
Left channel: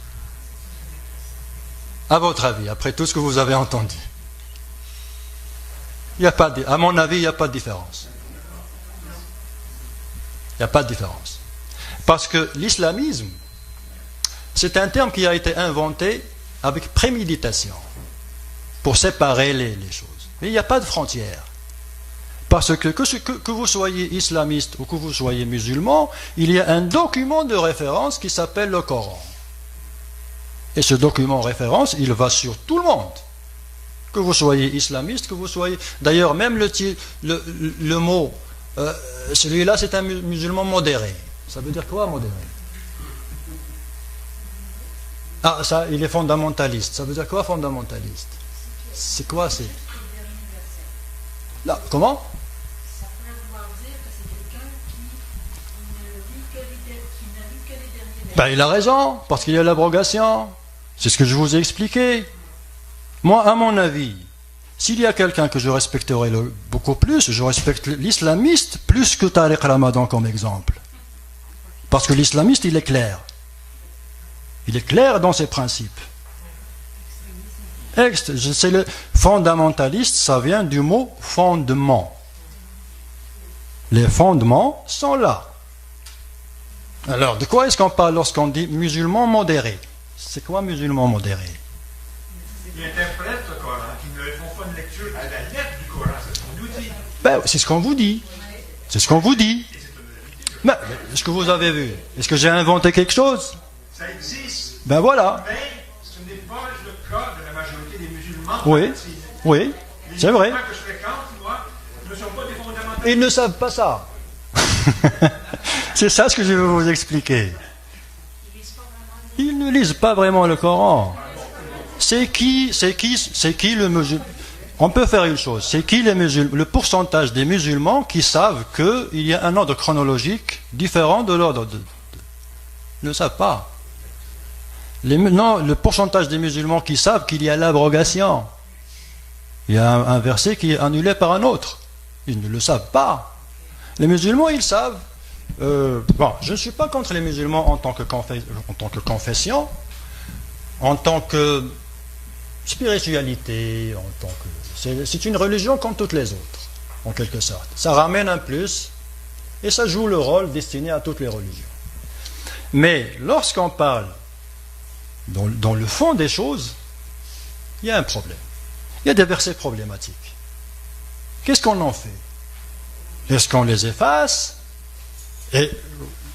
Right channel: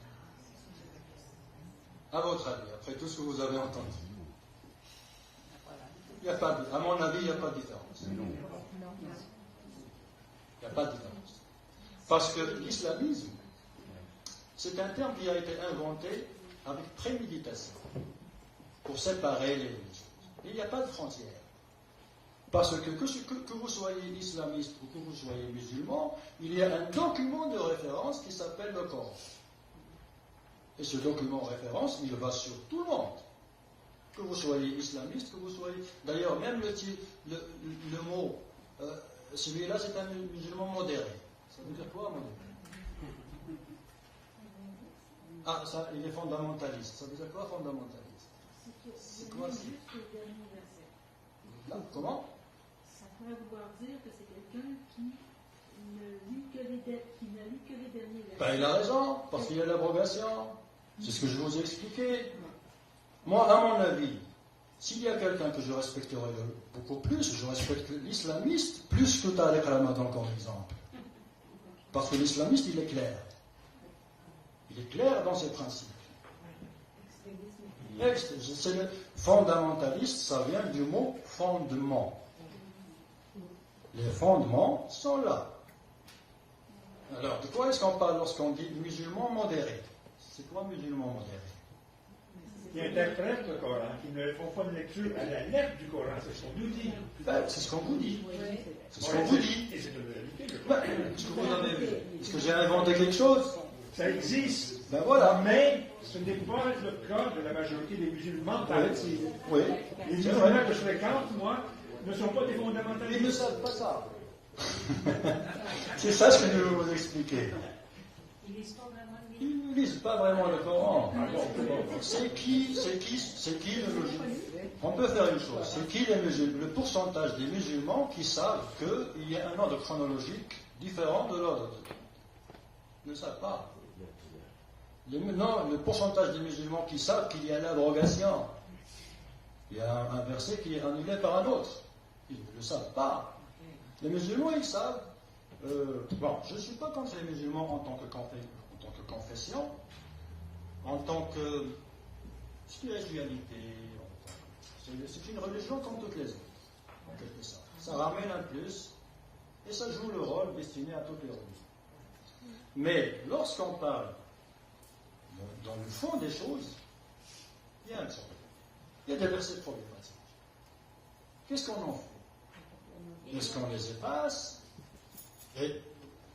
À votre avis, après tout ce que vous avez entendu? Il n'y a pas de, à mon avis, il n'y a pas de différence. Il n'y a pas de différence. Parce que l'islamisme, c'est un terme qui a été inventé avec préméditation pour séparer les choses. Mais il n'y a pas de frontière. Parce que vous soyez islamiste ou que vous soyez musulman, il y a un document de référence qui s'appelle le Coran. Et ce document de référence, il va sur tout le monde. Que vous soyez islamiste, que vous soyez... D'ailleurs, même le mot, celui-là, c'est un musulman modéré. Ça veut dire quoi, modéré? Ah, ça, il est fondamentaliste. Ça veut dire quoi, fondamentaliste? C'est quoi, c'est... Là, comment? Ça pourrait vouloir dire que c'est quelqu'un qui n'a lu que les derniers. Ben, il a raison, parce qu'il y a l'abrogation. C'est ce que je vous ai expliqué. Moi, à mon avis, s'il y a quelqu'un que je respecterais beaucoup plus, je respecte l'islamiste plus que Tariq Ramadan comme exemple. Parce que l'islamiste, il est clair. Il est clair dans ses principes. C'est le fondamentaliste, ça vient du mot fondement. Les fondements sont là. Alors, de quoi est-ce qu'on parle lorsqu'on dit musulman modéré? C'est quoi musulman modéré? Qui interprètent le Coran, qui ne font pas une lecture à la lettre du Coran, c'est ce qu'on nous dit. Ben, c'est ce qu'on vous dit. C'est ce qu'on vous dit. Et c'est une vérité. Mais, est-ce que vous avez vu? Est-ce que j'ai inventé quelque chose? Ça existe, Ben voilà. mais ce n'est pas le cas de la majorité des musulmans. Oui, oui, Les c'est vrai. musulmans que je fréquente, moi, ne sont pas des fondamentalistes. Ils ne savent pas ça. C'est ça ce que je veux vous expliquer. Ils ne lisent pas vraiment le Coran. c'est qui le musulman? On peut faire une chose, c'est qui le pourcentage des musulmans qui savent qu'il y a un ordre chronologique différent de l'ordre ne le savent pas. Non, le pourcentage des musulmans qui savent qu'il y a l'abrogation. Il y a un verset qui est annulé par un autre. Ils ne le savent pas. Les musulmans, ils savent. Bon, je ne suis pas contre les musulmans en tant que confession, en tant que spiritualité, c'est une religion comme toutes les autres, en quelque sorte. Ça ramène un plus et ça joue le rôle destiné à toutes les religions. Mais lorsqu'on parle dans le fond des choses, il y a un problème. Il y a des versets problématiques. Qu'est-ce qu'on en fait? Est-ce qu'on les efface? Et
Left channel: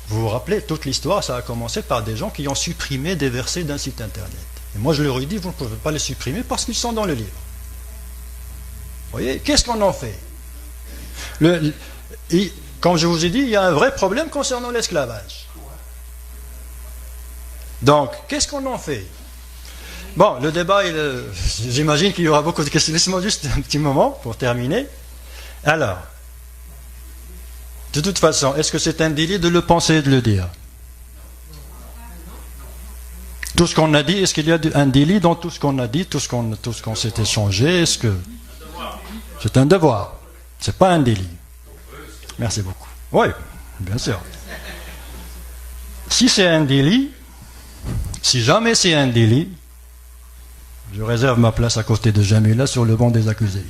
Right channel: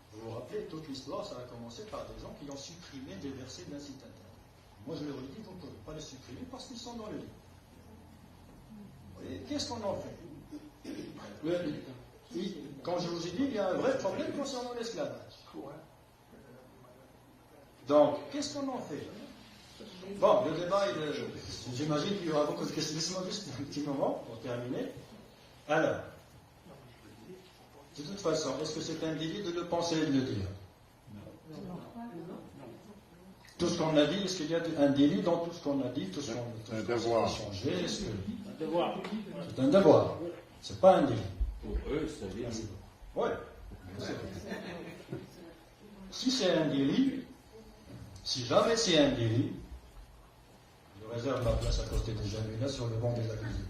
vous vous rappelez, toute l'histoire, ça a commencé par des gens qui ont supprimé des versets d'un site internet. Et moi, je leur ai dit, vous ne pouvez pas les supprimer parce qu'ils sont dans le livre. Vous voyez, qu'est-ce qu'on en fait? Comme je vous ai dit, il y a un vrai problème concernant l'esclavage. Donc, qu'est-ce qu'on en fait? Bon, le débat, j'imagine qu'il y aura beaucoup de questions. Laissez-moi juste un petit moment pour terminer. Alors, de toute façon, est-ce que c'est un délit de le penser et de le dire? Tout ce qu'on a dit, est-ce qu'il y a un délit dans tout ce qu'on a dit, tout ce qu'on s'est échangé? Est-ce que c'est un devoir? C'est pas un délit. Merci beaucoup. Oui, bien sûr. Si c'est un délit, si jamais c'est un délit, je réserve ma place à côté de Jamila sur le banc des accusés.